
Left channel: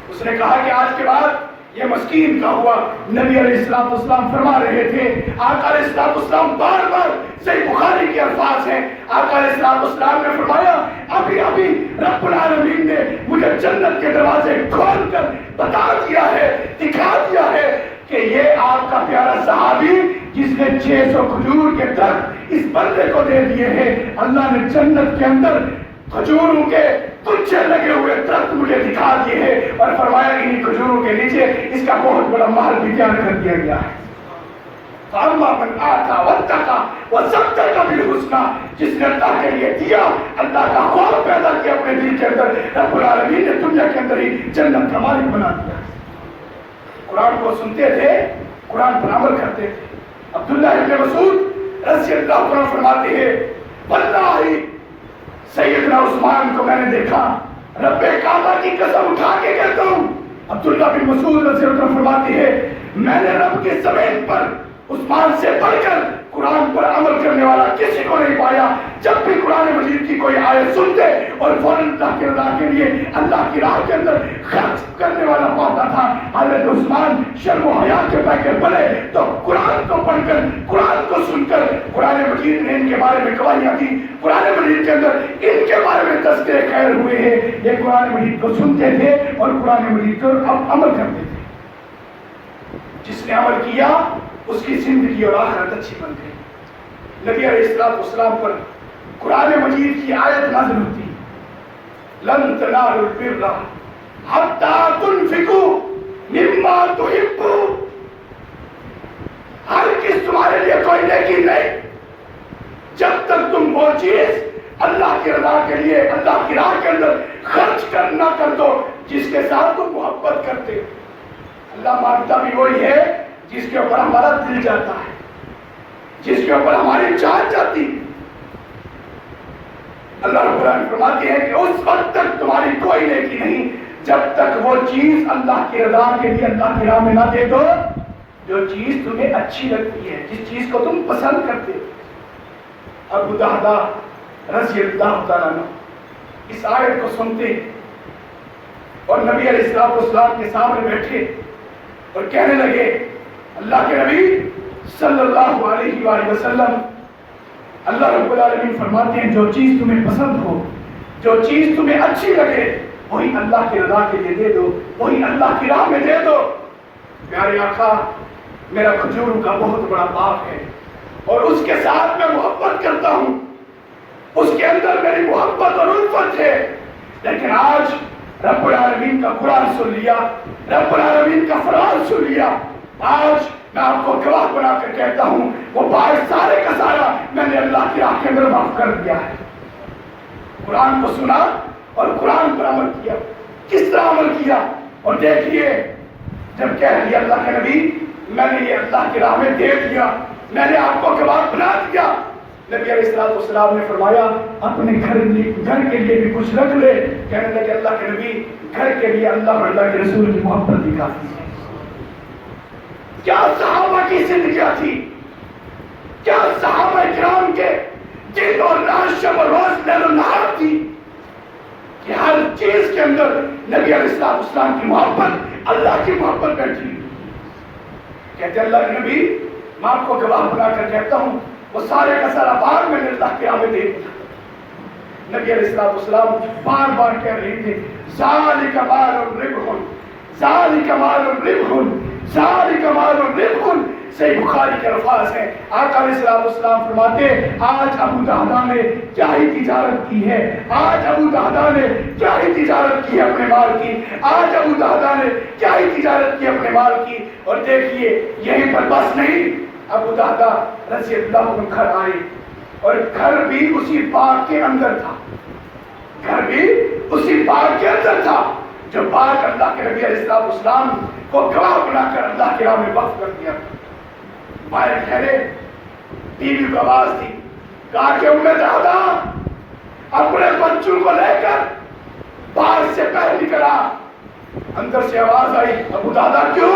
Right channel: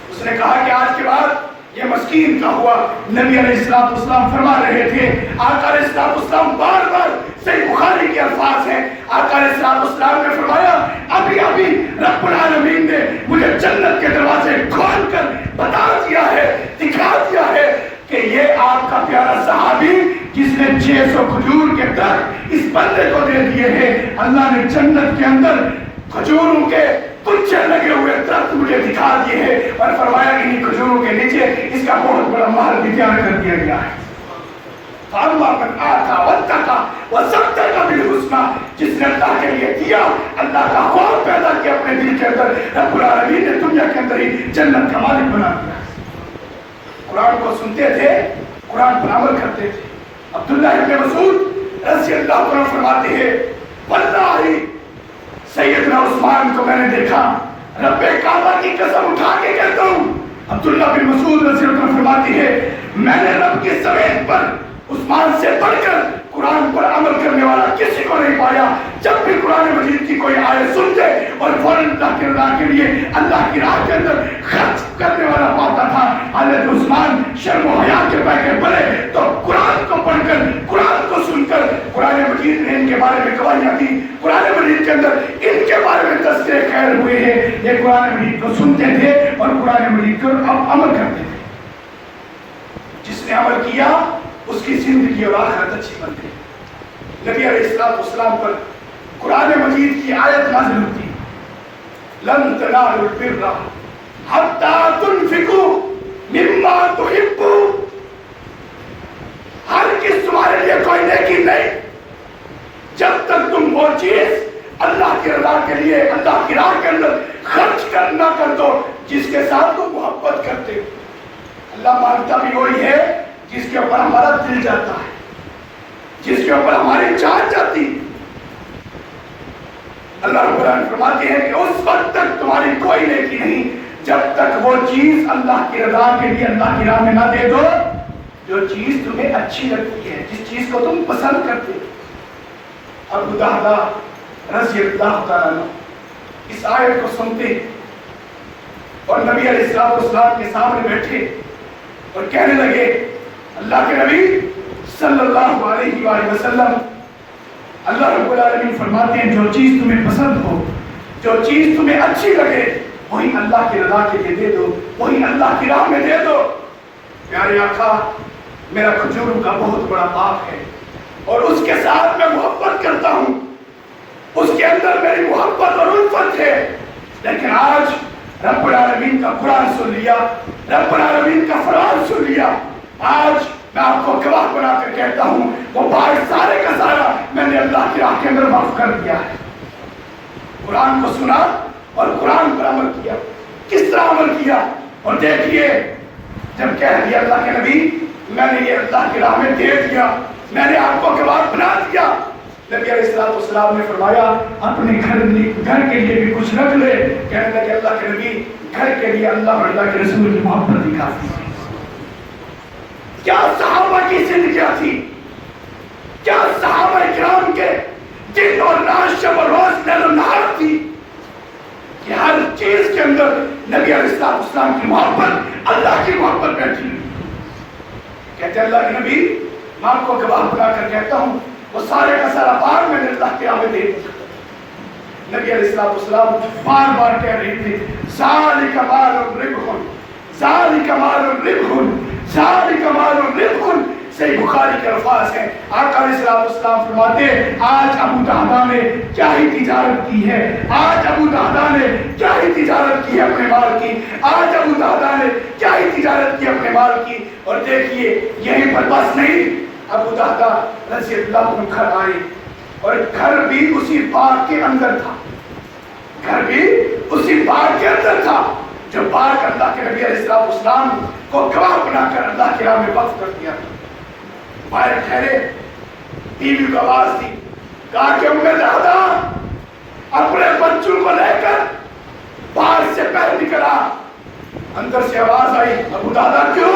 اس نے کہا کہ آج کے بعد یہ مسکین کا ہوا. نبی علیہ السلام فرما رہے تھے، آقا علیہ السلام بار بار، صحیح بخاری کے الفاظ ہیں، آقا علیہ السلام نے فرمایا ابھی ابھی رب العالمین نے مجھے جنت کے دروازے کھول کر بتا دیا ہے، دکھا دیا ہے کہ یہ آپ کا پیارا صحابی جس نے 600 کھجور کے درخت اس بندے کو دے دیے ہیں، اللہ نے جنت کے اندر کھجوروں کے کچھ لگے ہوئے درخت مجھے دکھا دیے ہیں، اور فرمایا انہی کھجوروں کے نیچے اس کا بہت بڑا محل بھی تیار کر دیا گیا ہے. فَأَمَّا مَنْ آتَى وَاتَّقَى وَصَدَّقَ بِالْحُسْنَى. جس نے اللہ کے لیے دیا، اللہ کا خوف پیدا کیا اپنے دل کے اندر، رب العالمین نے دنیا کے اندر ہی جنت کا مالک بنا دیا. قرآن کو سنتے تھے، قرآن پر عمل کرتے تھے. عبداللہ ابن مسعود رضی اللہ عنہ فرماتے ہیں واللہ سیدنا عثمان کو میں نے دیکھا، رب کعبہ کی قسم اٹھا کے کہتا ہوں. عبداللہ بن مسعود رضی اللہ عنہ فرماتے ہیں میں نے رب کی زمین پر عثمان سے بڑھ کر قرآن پر عمل کرنے والا کسی کو نہیں پایا. جب بھی قرآن مجید کی کوئی آیت سنتے اور فوراً اللہ کی رضا کے لیے اللہ کی راہ کے اندر خرچ کرنے والا پاتا تھا. حضرت عثمان شرم و حیا کے پیکر بنے تو قرآن کو پڑھ کر قرآن کو سن کر قرآن مجید نے ان کے بارے میں گواہیاں دی. قرآن مجید کے اندر ان کے بارے میں تذکرے خیر ہوئے ہیں. یہ قرآن مجید کو سنتے تھے اور قرآن مجید پر عمل کرتے تھے. جس نے عمل کیا اس کی زندگی اور آخرت اچھی بن گئی. نبی علیہ السلام پر قرآن مجید کی آیت نازل ہوتی لن تنالوا البر حتى تنفقوا مما تحبون. ہر کس تمہارے لیے کوئی نیکی نہیں جب تک تم وہ چیز اللہ کی رضا کے لیے اللہ کی راہ کے اندر خرچ کرنا کر دو جس کے ساتھ تم محبت کرتے. اللہ مانگتا بھی وہی ہے جس کے اوپر ہمارا دل جاتا ہے, جس کے اوپر ہماری جان جاتی. اللہ رب العالمین فرماتے ہیں کہ اس وقت تک تمہاری کوئی نیکی نہیں جب تک وہ چیز اللہ کی رضا کے لیے اللہ کی راہ میں نہ دے دو جو چیز تمہیں اچھی لگتی ہے, جس چیز کو تم پسند کرتے. ابو درداء رضی اللہ تعالیٰ اس آیت کو سنتے اور نبی علیہ السلام کے سامنے بیٹھے اور کہنے لگے اللہ کے نبی صلی اللہ علیہ وآلہ وسلم, اللہ رب العالمین فرماتے ہیں جو چیز تمہیں پسند ہو, جو چیز تمہیں اچھی لگے وہی اللہ کی رضا کے لیے دے دو, وہی اللہ کی راہ میں دے دو. پیارے آقا میرا کھجور کا بہت بڑا باغ ہے اور اس کے ساتھ میں محبت کرتا ہوں, اس کے اندر میری محبت اور الفت ہے, لیکن آج رب العالمین کا قرآن سن لیا, رب العالمین کا فرمان سن لیا, آج میں آپ کو گواہ بنا کر کہتا ہوں وہ بھائی سارے کا سارا میں نے اللہ کی راہ کے اندر معاف کر دیا ہے. قرآن کو سنا اور قرآن پر عمل کیا. کس طرح عمل کیا اور دیکھیے جب کہہ دیا اللہ کے نبی میں نے یہ اللہ کی راہ میں دے دیا, میں نے آپ کو گواہ بنا دیا. نبی علیہ السلام نے فرمایا اپنے گھر کے لیے بھی کچھ رکھ لے. کہنے لگے اللہ کے نبی گھر کے لیے اللہ اور اللہ کے رسول کی محبت ہی کافی ہے. کیا صحابہ کی زندگیاں تھی, کیا صحابہ کرام کے دن اور رات شب اور روز لیل و نہار تھی کہ ہر چیز کے اندر نبی علیہ السلام کی محبت اللہ کی محبت بیٹھی. کہتے اللہ کے نبی میں آپ کو گواہ بنا کر کہتا ہوں وہ سارے کا سارا بار میں نے اللہ کے راہ میں دے دیا. نبی علیہ السلام بار بار کہہ رہے تھے ذالک مال ربح, ذالک مال ربح, ذالک مال ربح. صحیح بخاری کے الفاظ ہیں. آقا علیہ السلام فرماتے ہیں آج ابو دہدا نے کیا ہی تجارت کی ہے, آج ابو دہدا نے کیا ہی تجارت کی ہے اپنے مال کی, آج ابو دہدا نے کیا ہی تجارت کی اپنے مال کی. اور دیکھیے یہیں پر بس نہیں, ابو دہدا رضی اللہ عنہ گھر آئے اور گھر بھی اسی باغ کے اندر تھا, گھر بھی اسی باغ کے اندر تھا جو باغ اللہ کے نبی علیہ السلام کو گواہ بنا کر اللہ کے راہ میں وقف کر دیا. باہر ٹھہرے, بیوی کو آواز دی, کہا کہ ام دہدا اپنے بچوں کو لے کر باہر سے باہر نکلا. اندر سے آواز آئی ابو دہدا کیوں,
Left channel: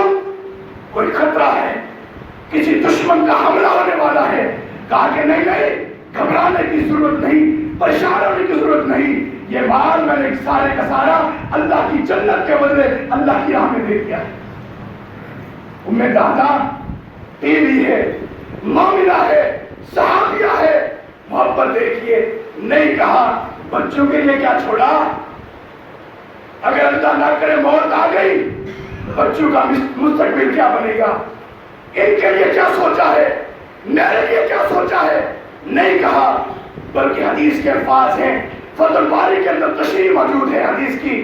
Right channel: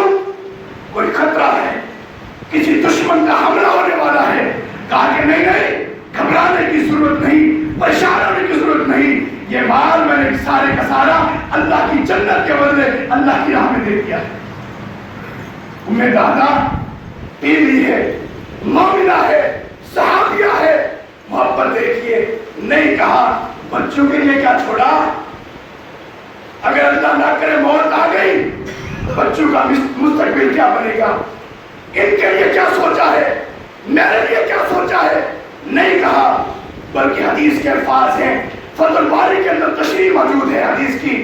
کوئی خطرہ ہے, کسی دشمن کا حملہ ہونے والا ہے. کہا کہ نہیں نہیں گھبرانے کی ضرورت نہیں, پریشان ہونے کی ضرورت نہیں, یہ مال میں نے سارے کا سارا اللہ کی جنت کے بدلے اللہ کی راہ میں دے دیا ہے. ام دہدا بیوی ہے, مومنہ ہے, صحابیہ ہے, محبت دیکھیے. نہیں کہا بچوں کے لیے کیا چھوڑا, اگر اللہ نہ کرے موت آ گئی بچوں کا مستقبل کیا بنے گا, ان کے لیے کیا سوچا ہے, میرے لیے کیا سوچا ہے. نہیں کہا بلکہ حدیث کے الفاظ ہیں, فتح الباری کے اندر تشریح موجود ہے حدیث کی.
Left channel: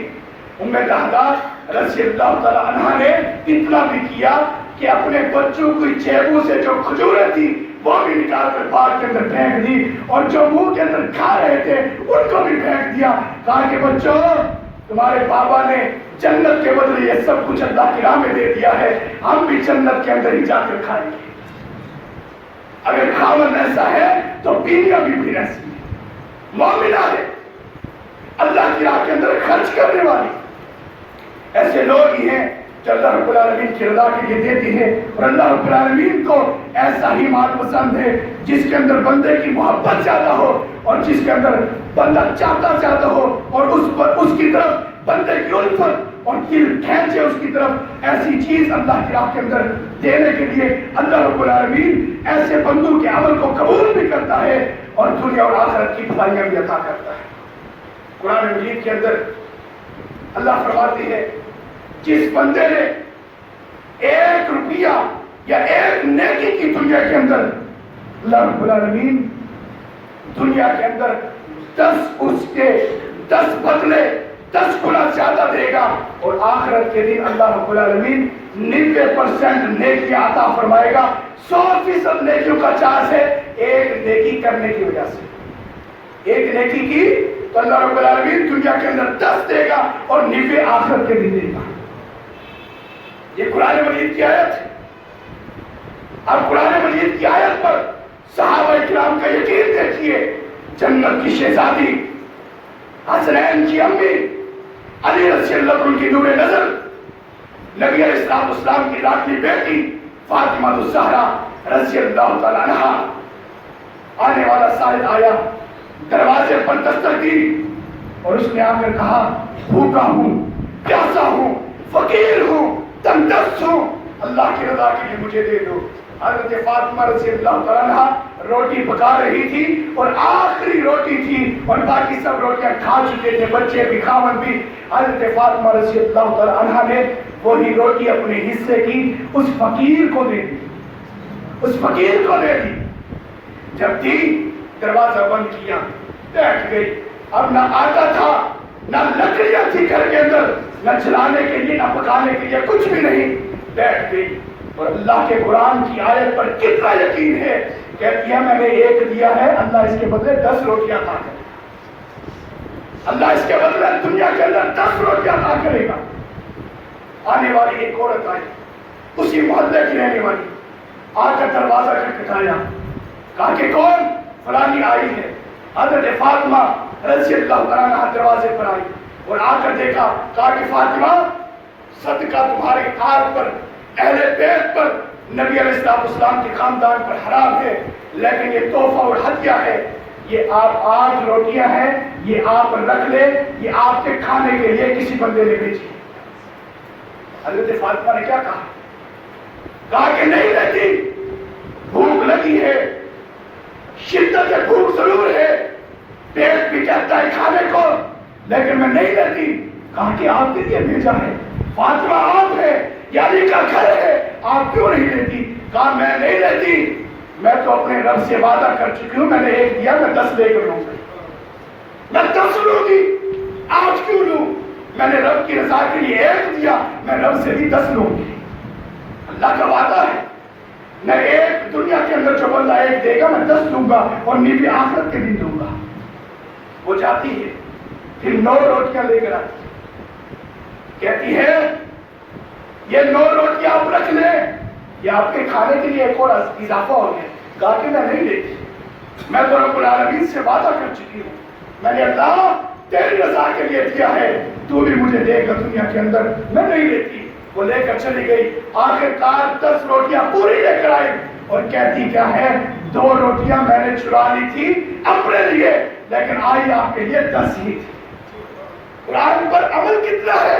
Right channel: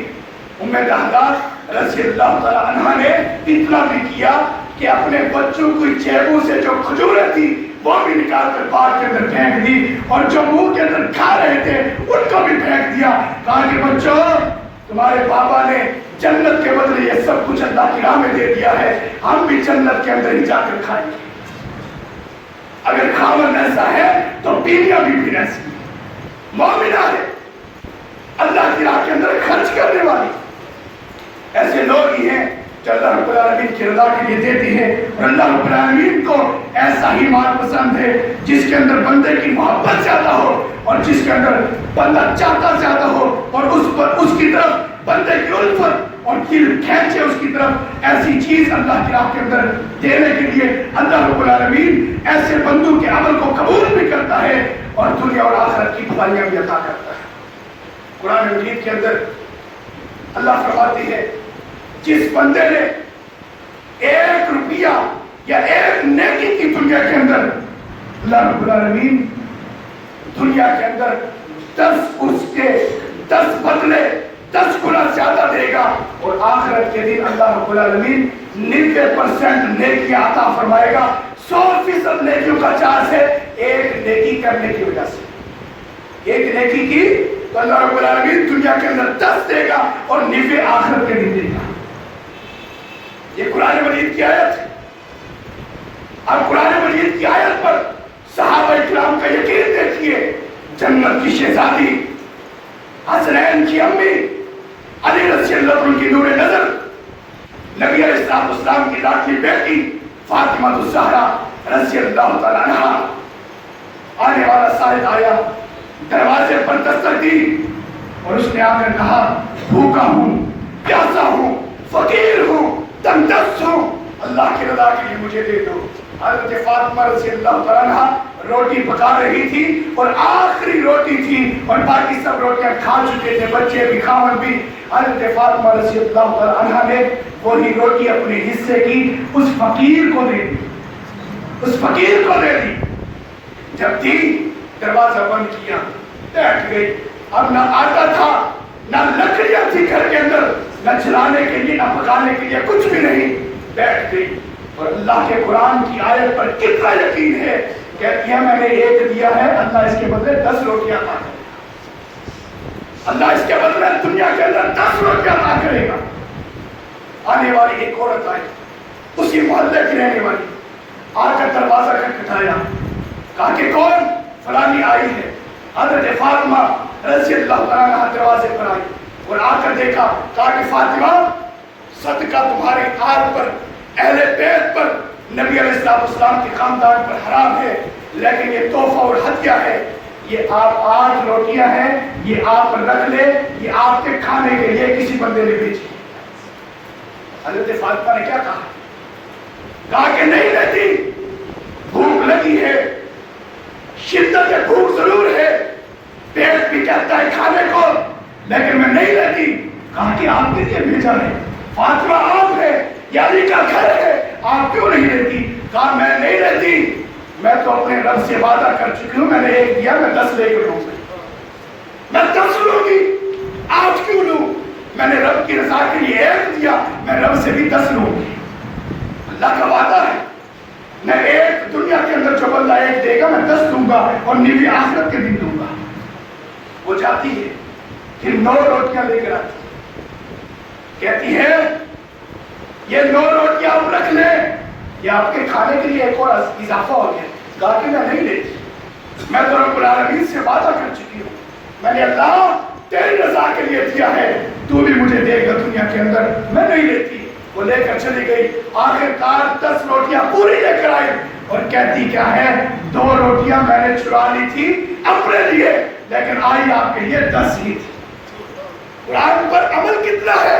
ام دہدا رضی اللہ تعالی عنہا نے اتنا بھی کیا کہ اپنے بچوں کی جیبوں سے جو کھجوریں تھی وہ بھی نکال کر باہر کے اندر پھینک دی اور جو منہ کے اندر کھا رہے تھے ان کو بھی پھینک دیا. کہا کہ بچوں تمہارے بابا نے جنت کے بدلے یہ سب کچھ اللہ کی راہ میں دے دیا ہے, ہم بھی جنت کے اندر ہی جا کر کھائیں گے. اگر خاوند ایسا ہے تو بیویاں بھی ایسی مومنہ ہے, اللہ کی راہ کے اندر خرچ کرنے والی. ایسے لوگ ہی ہیں جو اللہ رب العالمین کی رضا کے لیے دیتی ہے. اور اللہ رب العالمین کو ایسا ہی مال پسند ہے جس کے اندر بندے کی محبت زیادہ ہو اور جس کے اندر بندہ چاہتا زیادہ ہو اور اس کی طرف بندے کی الفت اور دل کھینچے اس کی طرف. ایسی چیز اللہ کی راہ کے اندر دینے کے لیے اللہ رب العالمین ایسے بندوں کے عمل کو قبول بھی کرتا ہے اور دنیا اور آخرت کی بھلائیاں بھی عطا کرتا ہے. قرآن مجید کے اندر اللہ فرماتی ہے جس بندے نے 1 روپیہ یا 1 نیکی کی دنیا کے اندر, اللہ رب العالمین دنیا کے اندر 10 بدلے 10 گنا زیادہ دے گا اور آخرت کے دن اللہ رب العالمین 90% نیکیاں عطا فرمائے گا. 100% نیکیوں کا چارج ہے 1 نیکی کرنے کی وجہ سے. 1 نیکی کی تو اللہ رب العالمین دنیا کے اندر 10 دے گا اور 90 آخرت کے دن دے گا. یہ قرآن مجید کی آیت ہے. اب قرآن مجید کی آیت پر صحابہ اکرام کا یقین دیکھیے. جنت کی شہزادی, حسنین کی امی, علی رضی اللہ عنہ کی نور نظر, نبی علیہ السلام کی لاڈلی بیٹی فاطمہ الزہرا رضی اللہ تعالیٰ عنہا. آنے والا سائل آیا, دروازے پر دستک دی اور اس نے آ کر کہا بھوکا ہوں, پیاسا ہوں, فقیر ہوں, تنگ دست ہوں, اللہ کی رضا کے لیے مجھے دے دو. حضرت فاطمہ رضی اللہ تعالیٰ عنہا روٹی پکا رہی تھی اور آخری روٹی تھی اور باقی سب روٹیاں کھا چکے تھے, بچے بھی کھانا بھی. حضرت فاطمہ رضی اللہ تعالیٰ عنہا نے وہی روٹی اپنے حصے کی اس فقیر کو دے دی, اس فقیر کو دے دی. جب دی دروازہ بند کیا, بیٹھ گئی. اب نہ آٹا تھا نہ لکڑیاں تھی گھر کے اندر, نہ جلانے کے لیے نہ پکانے کے لیے کچھ بھی نہیں. بیٹھ گئی اور اللہ کے قرآن کی آیت پر کتنا یقین ہے. کہتی ہے میں نے 1 دیا ہے, اللہ اس کے بدلے 10 روٹیاں عطا کرے گا. اللہ اس کے بدلے دنیا کے اندر 10 روٹیاں عطا کرے گا. آنے والی ایک عورت آئی, اسی محلے کی رہنے والی, آ کر دروازہ کھٹکھٹایا, کہا کہ کون؟ فلانی آئی ہے. حضرت فاطمہ رضی اللہ عنہا دروازے پر آئی اور آ کر دیکھا, کہا کہ فاطمہ صدقہ تمہاری آل پر, اہل بیت پر, نبی علیہ السلام کے خاندان پر حرام ہے, لیکن یہ تحفہ اور ہدیہ ہے. یہ آپ 8 روٹیاں ہیں, یہ آپ رکھ لیں, یہ آپ کے کھانے کے لیے کسی بندے نے بھیجی. حضرت فاطمہ نے کیا کہا؟ کہا کہ نہیں لیتی, بھوک لگی ہے, شدت بھوک ضرور ہے, پیٹ بھی کہتا ہے کھانے کو, لیکن میں نہیں لیتی. کہا کہ آپ کے لیے بھیجا ہے, فاطمہ آپ ہے, یعنی کا گھر ہے, آپ کیوں نہیں لیتی؟ کہا میں نہیں لیتی, میں تو اپنے رب سے وعدہ کر چکی ہوں, میں نے 1 دیا, میں 10 لے کر لوں گی, میں 10 لوں گی. آج کیوں لوں؟ میں نے رب کی رضا کے لیے 1 دیا, میں رب سے بھی 10 لوں گی. اللہ کا وعدہ ہے, میں 1 دنیا کے اندر جو بندہ 1 دے گا میں 10 دوں گا اور 90 آخرت کے دن دوں گا. وہ جاتی ہے پھر 9 روٹیاں لے کر آتی, کہتی ہے یہ 9 روٹیاں آپ رکھ لیں, یہ آپ کے کھانے کے لیے ایک اور اضافہ ہو گیا. کہا کہ میں نہیں لیتی, میں تو رب العالمین سے وعدہ کر چکی ہوں, میں نے اللہ تیری رضا کے لیے دیا ہے, تو بھی مجھے دے گا دنیا کے اندر, میں نہیں لیتی. وہ لے کر چلی گئی. آخر کار 10 روٹیاں پوری لے کر آئی اور کہتی کیا ہے, 2 روٹیاں میں نے چرا لی تھی اپنے لیے, لیکن آئی آپ کے لیے 10 ہی تھی. قرآن پر عمل کتنا ہے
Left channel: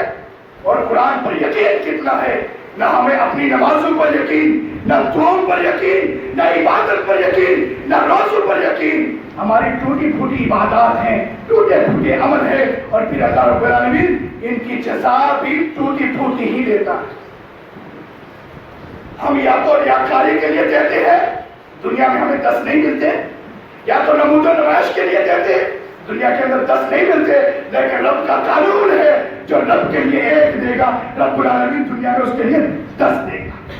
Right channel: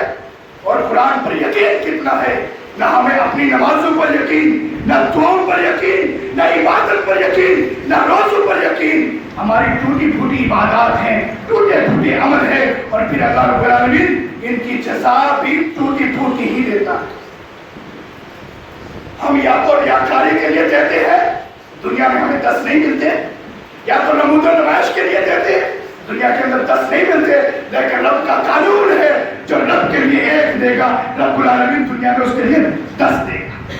اور قرآن پر یقین کتنا ہے. نہ ہمیں اپنی نمازوں پر یقین, نہ دعاؤں پر یقین, نہ عبادت پر یقین, نہ روزوں پر یقین. ہماری ٹوٹی پھوٹی عبادات ہیں, ٹوٹے پھوٹے عمل ہے, اور پھر اللہ رب العالمین ان کی جزا بھی ٹوٹی پھوٹی ہی دیتا ہے. ہم یا تو ریاکاری کے لیے دیتے ہیں, دنیا میں ہمیں 10 نہیں ملتے, یا تو نمود و نمائش کے لیے دیتے ہیں, دنیا کے اندر 10 نہیں ملتے. لیکن رب کا قانون ہے, جو رب کے لیے 1 دے گا, رب العالمین دنیا میں اس کے لیے 10 دے گا.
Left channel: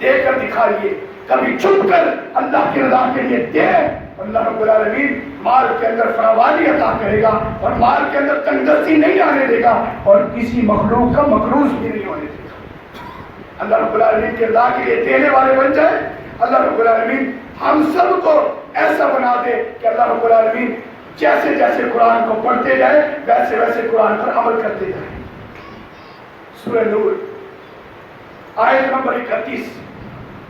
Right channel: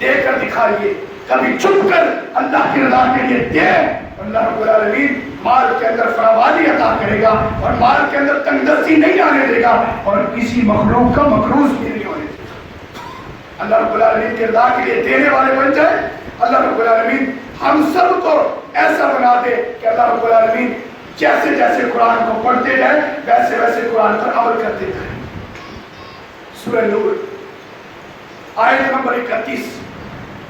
دے کر دکھائیے, کبھی چھپ کر اللہ کی رضا کے لیے دے, اللہ رب العالمین مال کے اندر فراوانی عطا کرے گا اور مال کے اندر تنگ دستی نہیں آنے دے گا اور کسی مخلوق کا مقروض بھی نہیں ہونے دے گا. اللہ رب العالمین کی رضا کے لیے دینے والے بن جائے. اللہ رب العالمین ہم سب کو ایسا بنا دے کہ اللہ رب العالمین جیسے جیسے قرآن کو پڑھتے جائیں ویسے ویسے قرآن پر عمل کرتے جائیں. سورہ نور آیت نمبر 31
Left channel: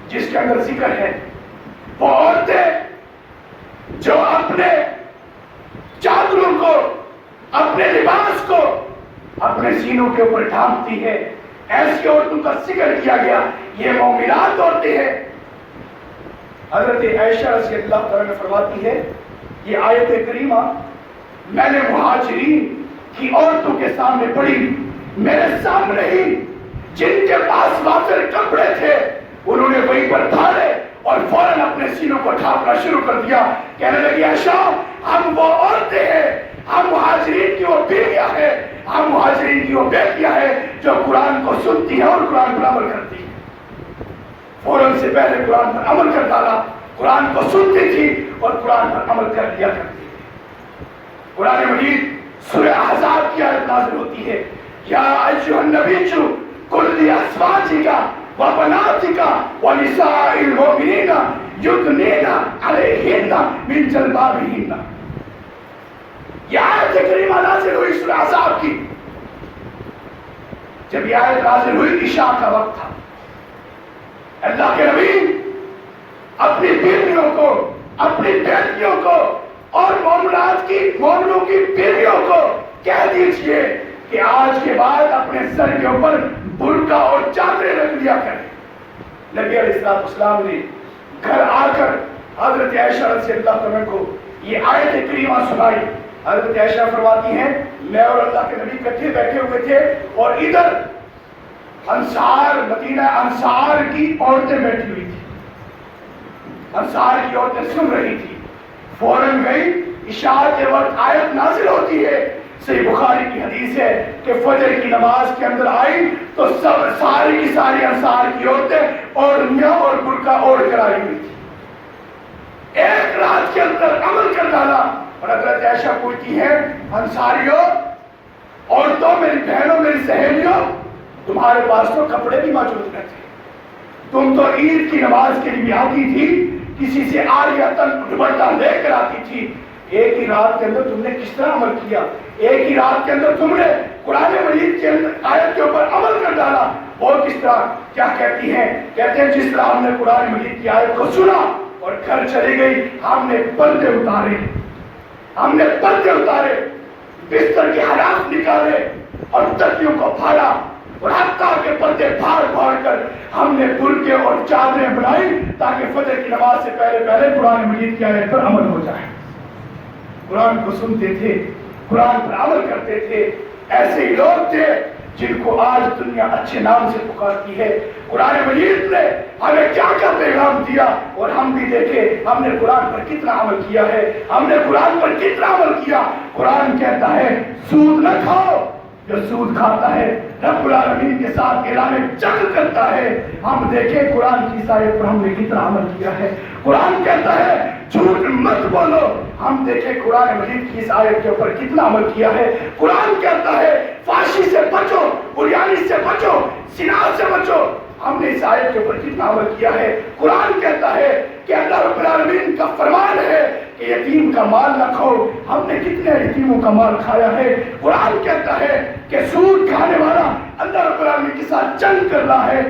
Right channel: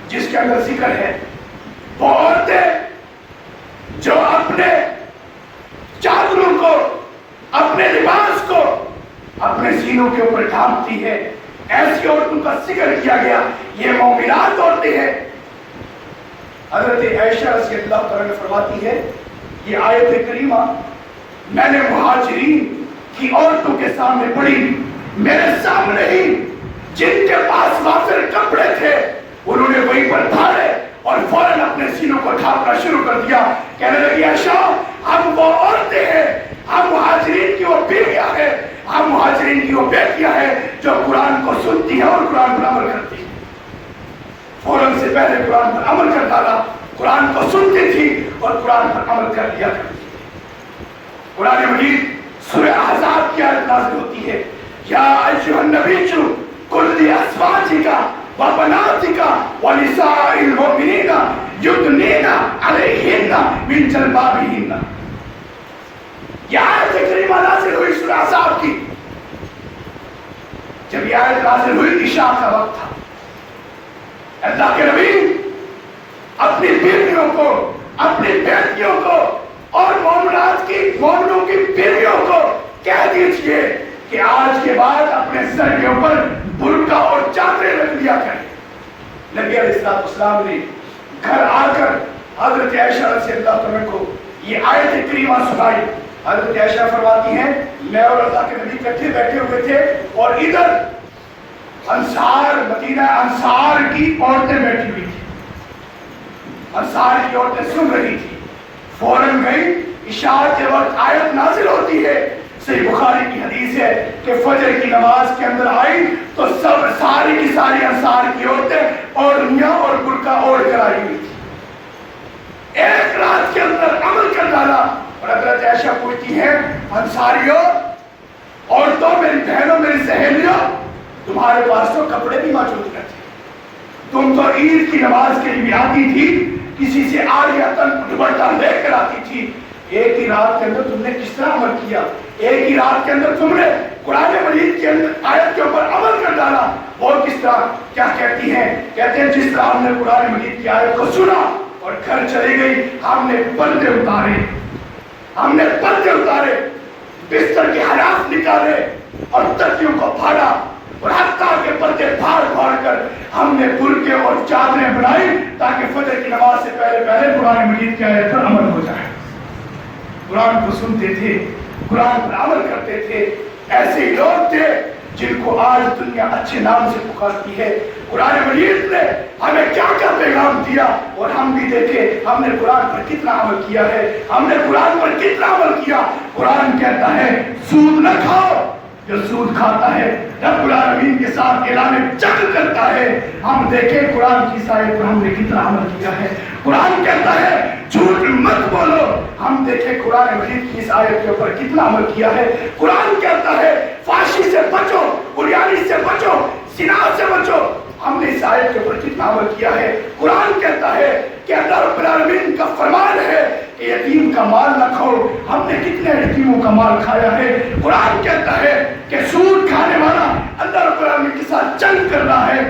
جس کے اندر ذکر ہے وہ عورتیں جو اپنے چادروں کو، اپنے لباس کو اپنے سینوں کے اوپر ڈھانپتی ہے، ایسی عورتوں کا ذکر کیا گیا، یہ مومنات عورتیں ہیں۔ حضرت عائشہ رضی اللہ تعالیٰ فرماتی ہے یہ آیت کریمہ میں نے مہاجرین کی عورتوں کے سامنے پڑھی، میرے سامنے ہی جن کے پاس وافر کپڑے تھے انہوں نے وہیں پر دھاڑے اور فوراً اپنے سینوں کو ڈھانپنا شروع کر دیا، کہنے لگی عائشہ ہم وہ عورتیں ہیں، ہم مہاجرین کی وہ بیویاں ہیں، ہم مہاجرین کی وہ بیٹیاں ہیں جو قرآن کو سنتی ہیں اور قرآن پر عمل کرتی ہیں۔ فوراً سے پہلے قرآن پر عمل کر ڈالا، قرآن کو سنتی تھی اور قرآن پر عمل کر لیا کرتی تھی۔ قرآن مجید سورہ احزاب کی آیت نازل ہوتی ہے، یا ایھا النبی قل لازواجک وبناتک ونساء المؤمنین یدنین علیہن من جلبابہن۔ یہ آیت کریمہ نازل ہوئی سورہ احزاب کی، جب یہ آیت نازل ہوئی عشاء کا وقت تھا۔ اللہ کے نبی اپنی بیویوں کو، اپنی بیٹیوں کو اور مومنات کی، مومنوں کی بیویوں کو کہہ دیجئے کہ آج کے بعد اپنے سر کے اوپر برقع اور چادریں رکھ لیا کریں۔ نبی علیہ السلام نے گھر آ کر حضرت عائشہ رضی اللہ عنہ کو یہ آیت کریمہ سنائی۔ حضرت عائشہ فرماتی ہیں میں اور اللہ کے نبی اکٹھے بیٹھے ہوئے تھے اور ادھر انصار، مدینہ انصار کی عورتیں بیٹھی ہوئی تھی، انصار کی عورتیں سن رہی تھی۔ فوراً گئی، عشاء کے وقت آیت نازل ہوتی ہے، صحیح بخاری کی حدیث ہے کہ فجر کی نماز کے اندر آئی تو سب ساری کی ساری انصار کی عورتیں اوڑھنیاں اور برقع اوڑھ کر آئی ہوئی تھی۔ ایک رات کے اندر عمل کر ڈالا۔ اور حضرت عائشہ پوچھتی ہیں انصاریوں، عورتوں، میری بہنوں، میری سہیلیوں، تمہارے پاس تو کپڑے بھی موجود نہ تھے، تم تو عید کی نماز کے لیے آتی تھی، کسی سے عاریۃً دوپٹہ لے کر آتی تھی، ایک ہی رات کے اندر تم نے کس طرح عمل کیا؟ ایک ہی رات کے اندر تم نے قرآن مجید کے اندر آیت کے اوپر عمل کر ڈالا۔ اور کس طرح؟ کیا کہتی ہیں؟ کہتے ہیں جس طرح ہم نے قرآن مجید کی آیت کو سنا اور گھر چلی گئی، ہم نے پردے اتارے، ہم نے پردے اتارے، بستر کے حراف نکالے اور تکیوں کو پھاڑا اور حتیٰ کہ پردے پھاڑ پھاڑ کر ہم نے برقعے اور چادریں بنائی تاکہ فجر کی نماز سے پہلے قرآن مجید کی آیت پر عمل ہو جائے۔ قرآن کو سنتے تھے، قرآن پر عمل کرتے تھے۔ ایسے ہی لوگ تھے جن کو آج دنیا اچھے نام سے پکارتی ہے۔ قرآن مجید نے ہمیں کیا کیا پیغام دیا اور ہم بھی دیکھیں ہم نے قرآن پر کتنا عمل کیا ہے، ہم نے قرآن پر کتنا عمل کیا۔ قرآن کہتا ہے سود نہ کھاؤ، جو سود کھاتا ہے رب العالمین کے ساتھ اعلان جنگ کرتا ہے۔ ہم دیکھیں قرآن کی آیت پر ہم نے کتنا عمل کیا ہے۔ قرآن کہتا ہے جھوٹ مت بولو، ہم دیکھیں قرآن مجید کی اس آیت کے اوپر کتنا عمل کیا ہے۔ قرآن کہتا ہے فحاشی سے بچو، عریانی سے بچو، زنا سے بچو، ہم نے اس آیت کے اوپر کتنا عمل کیا ہے۔ قرآن کہتا ہے کہ اللہ رب العالمین کا فرمان ہے کہ یتیم کا مال نہ کھاؤ، ہم نے کتنے یتیموں کا مال کھایا ہے۔ قرآن کہتا ہے کہ سود کھانے والا اللہ رب العالمین کے ساتھ جنگ کر رہا ہے۔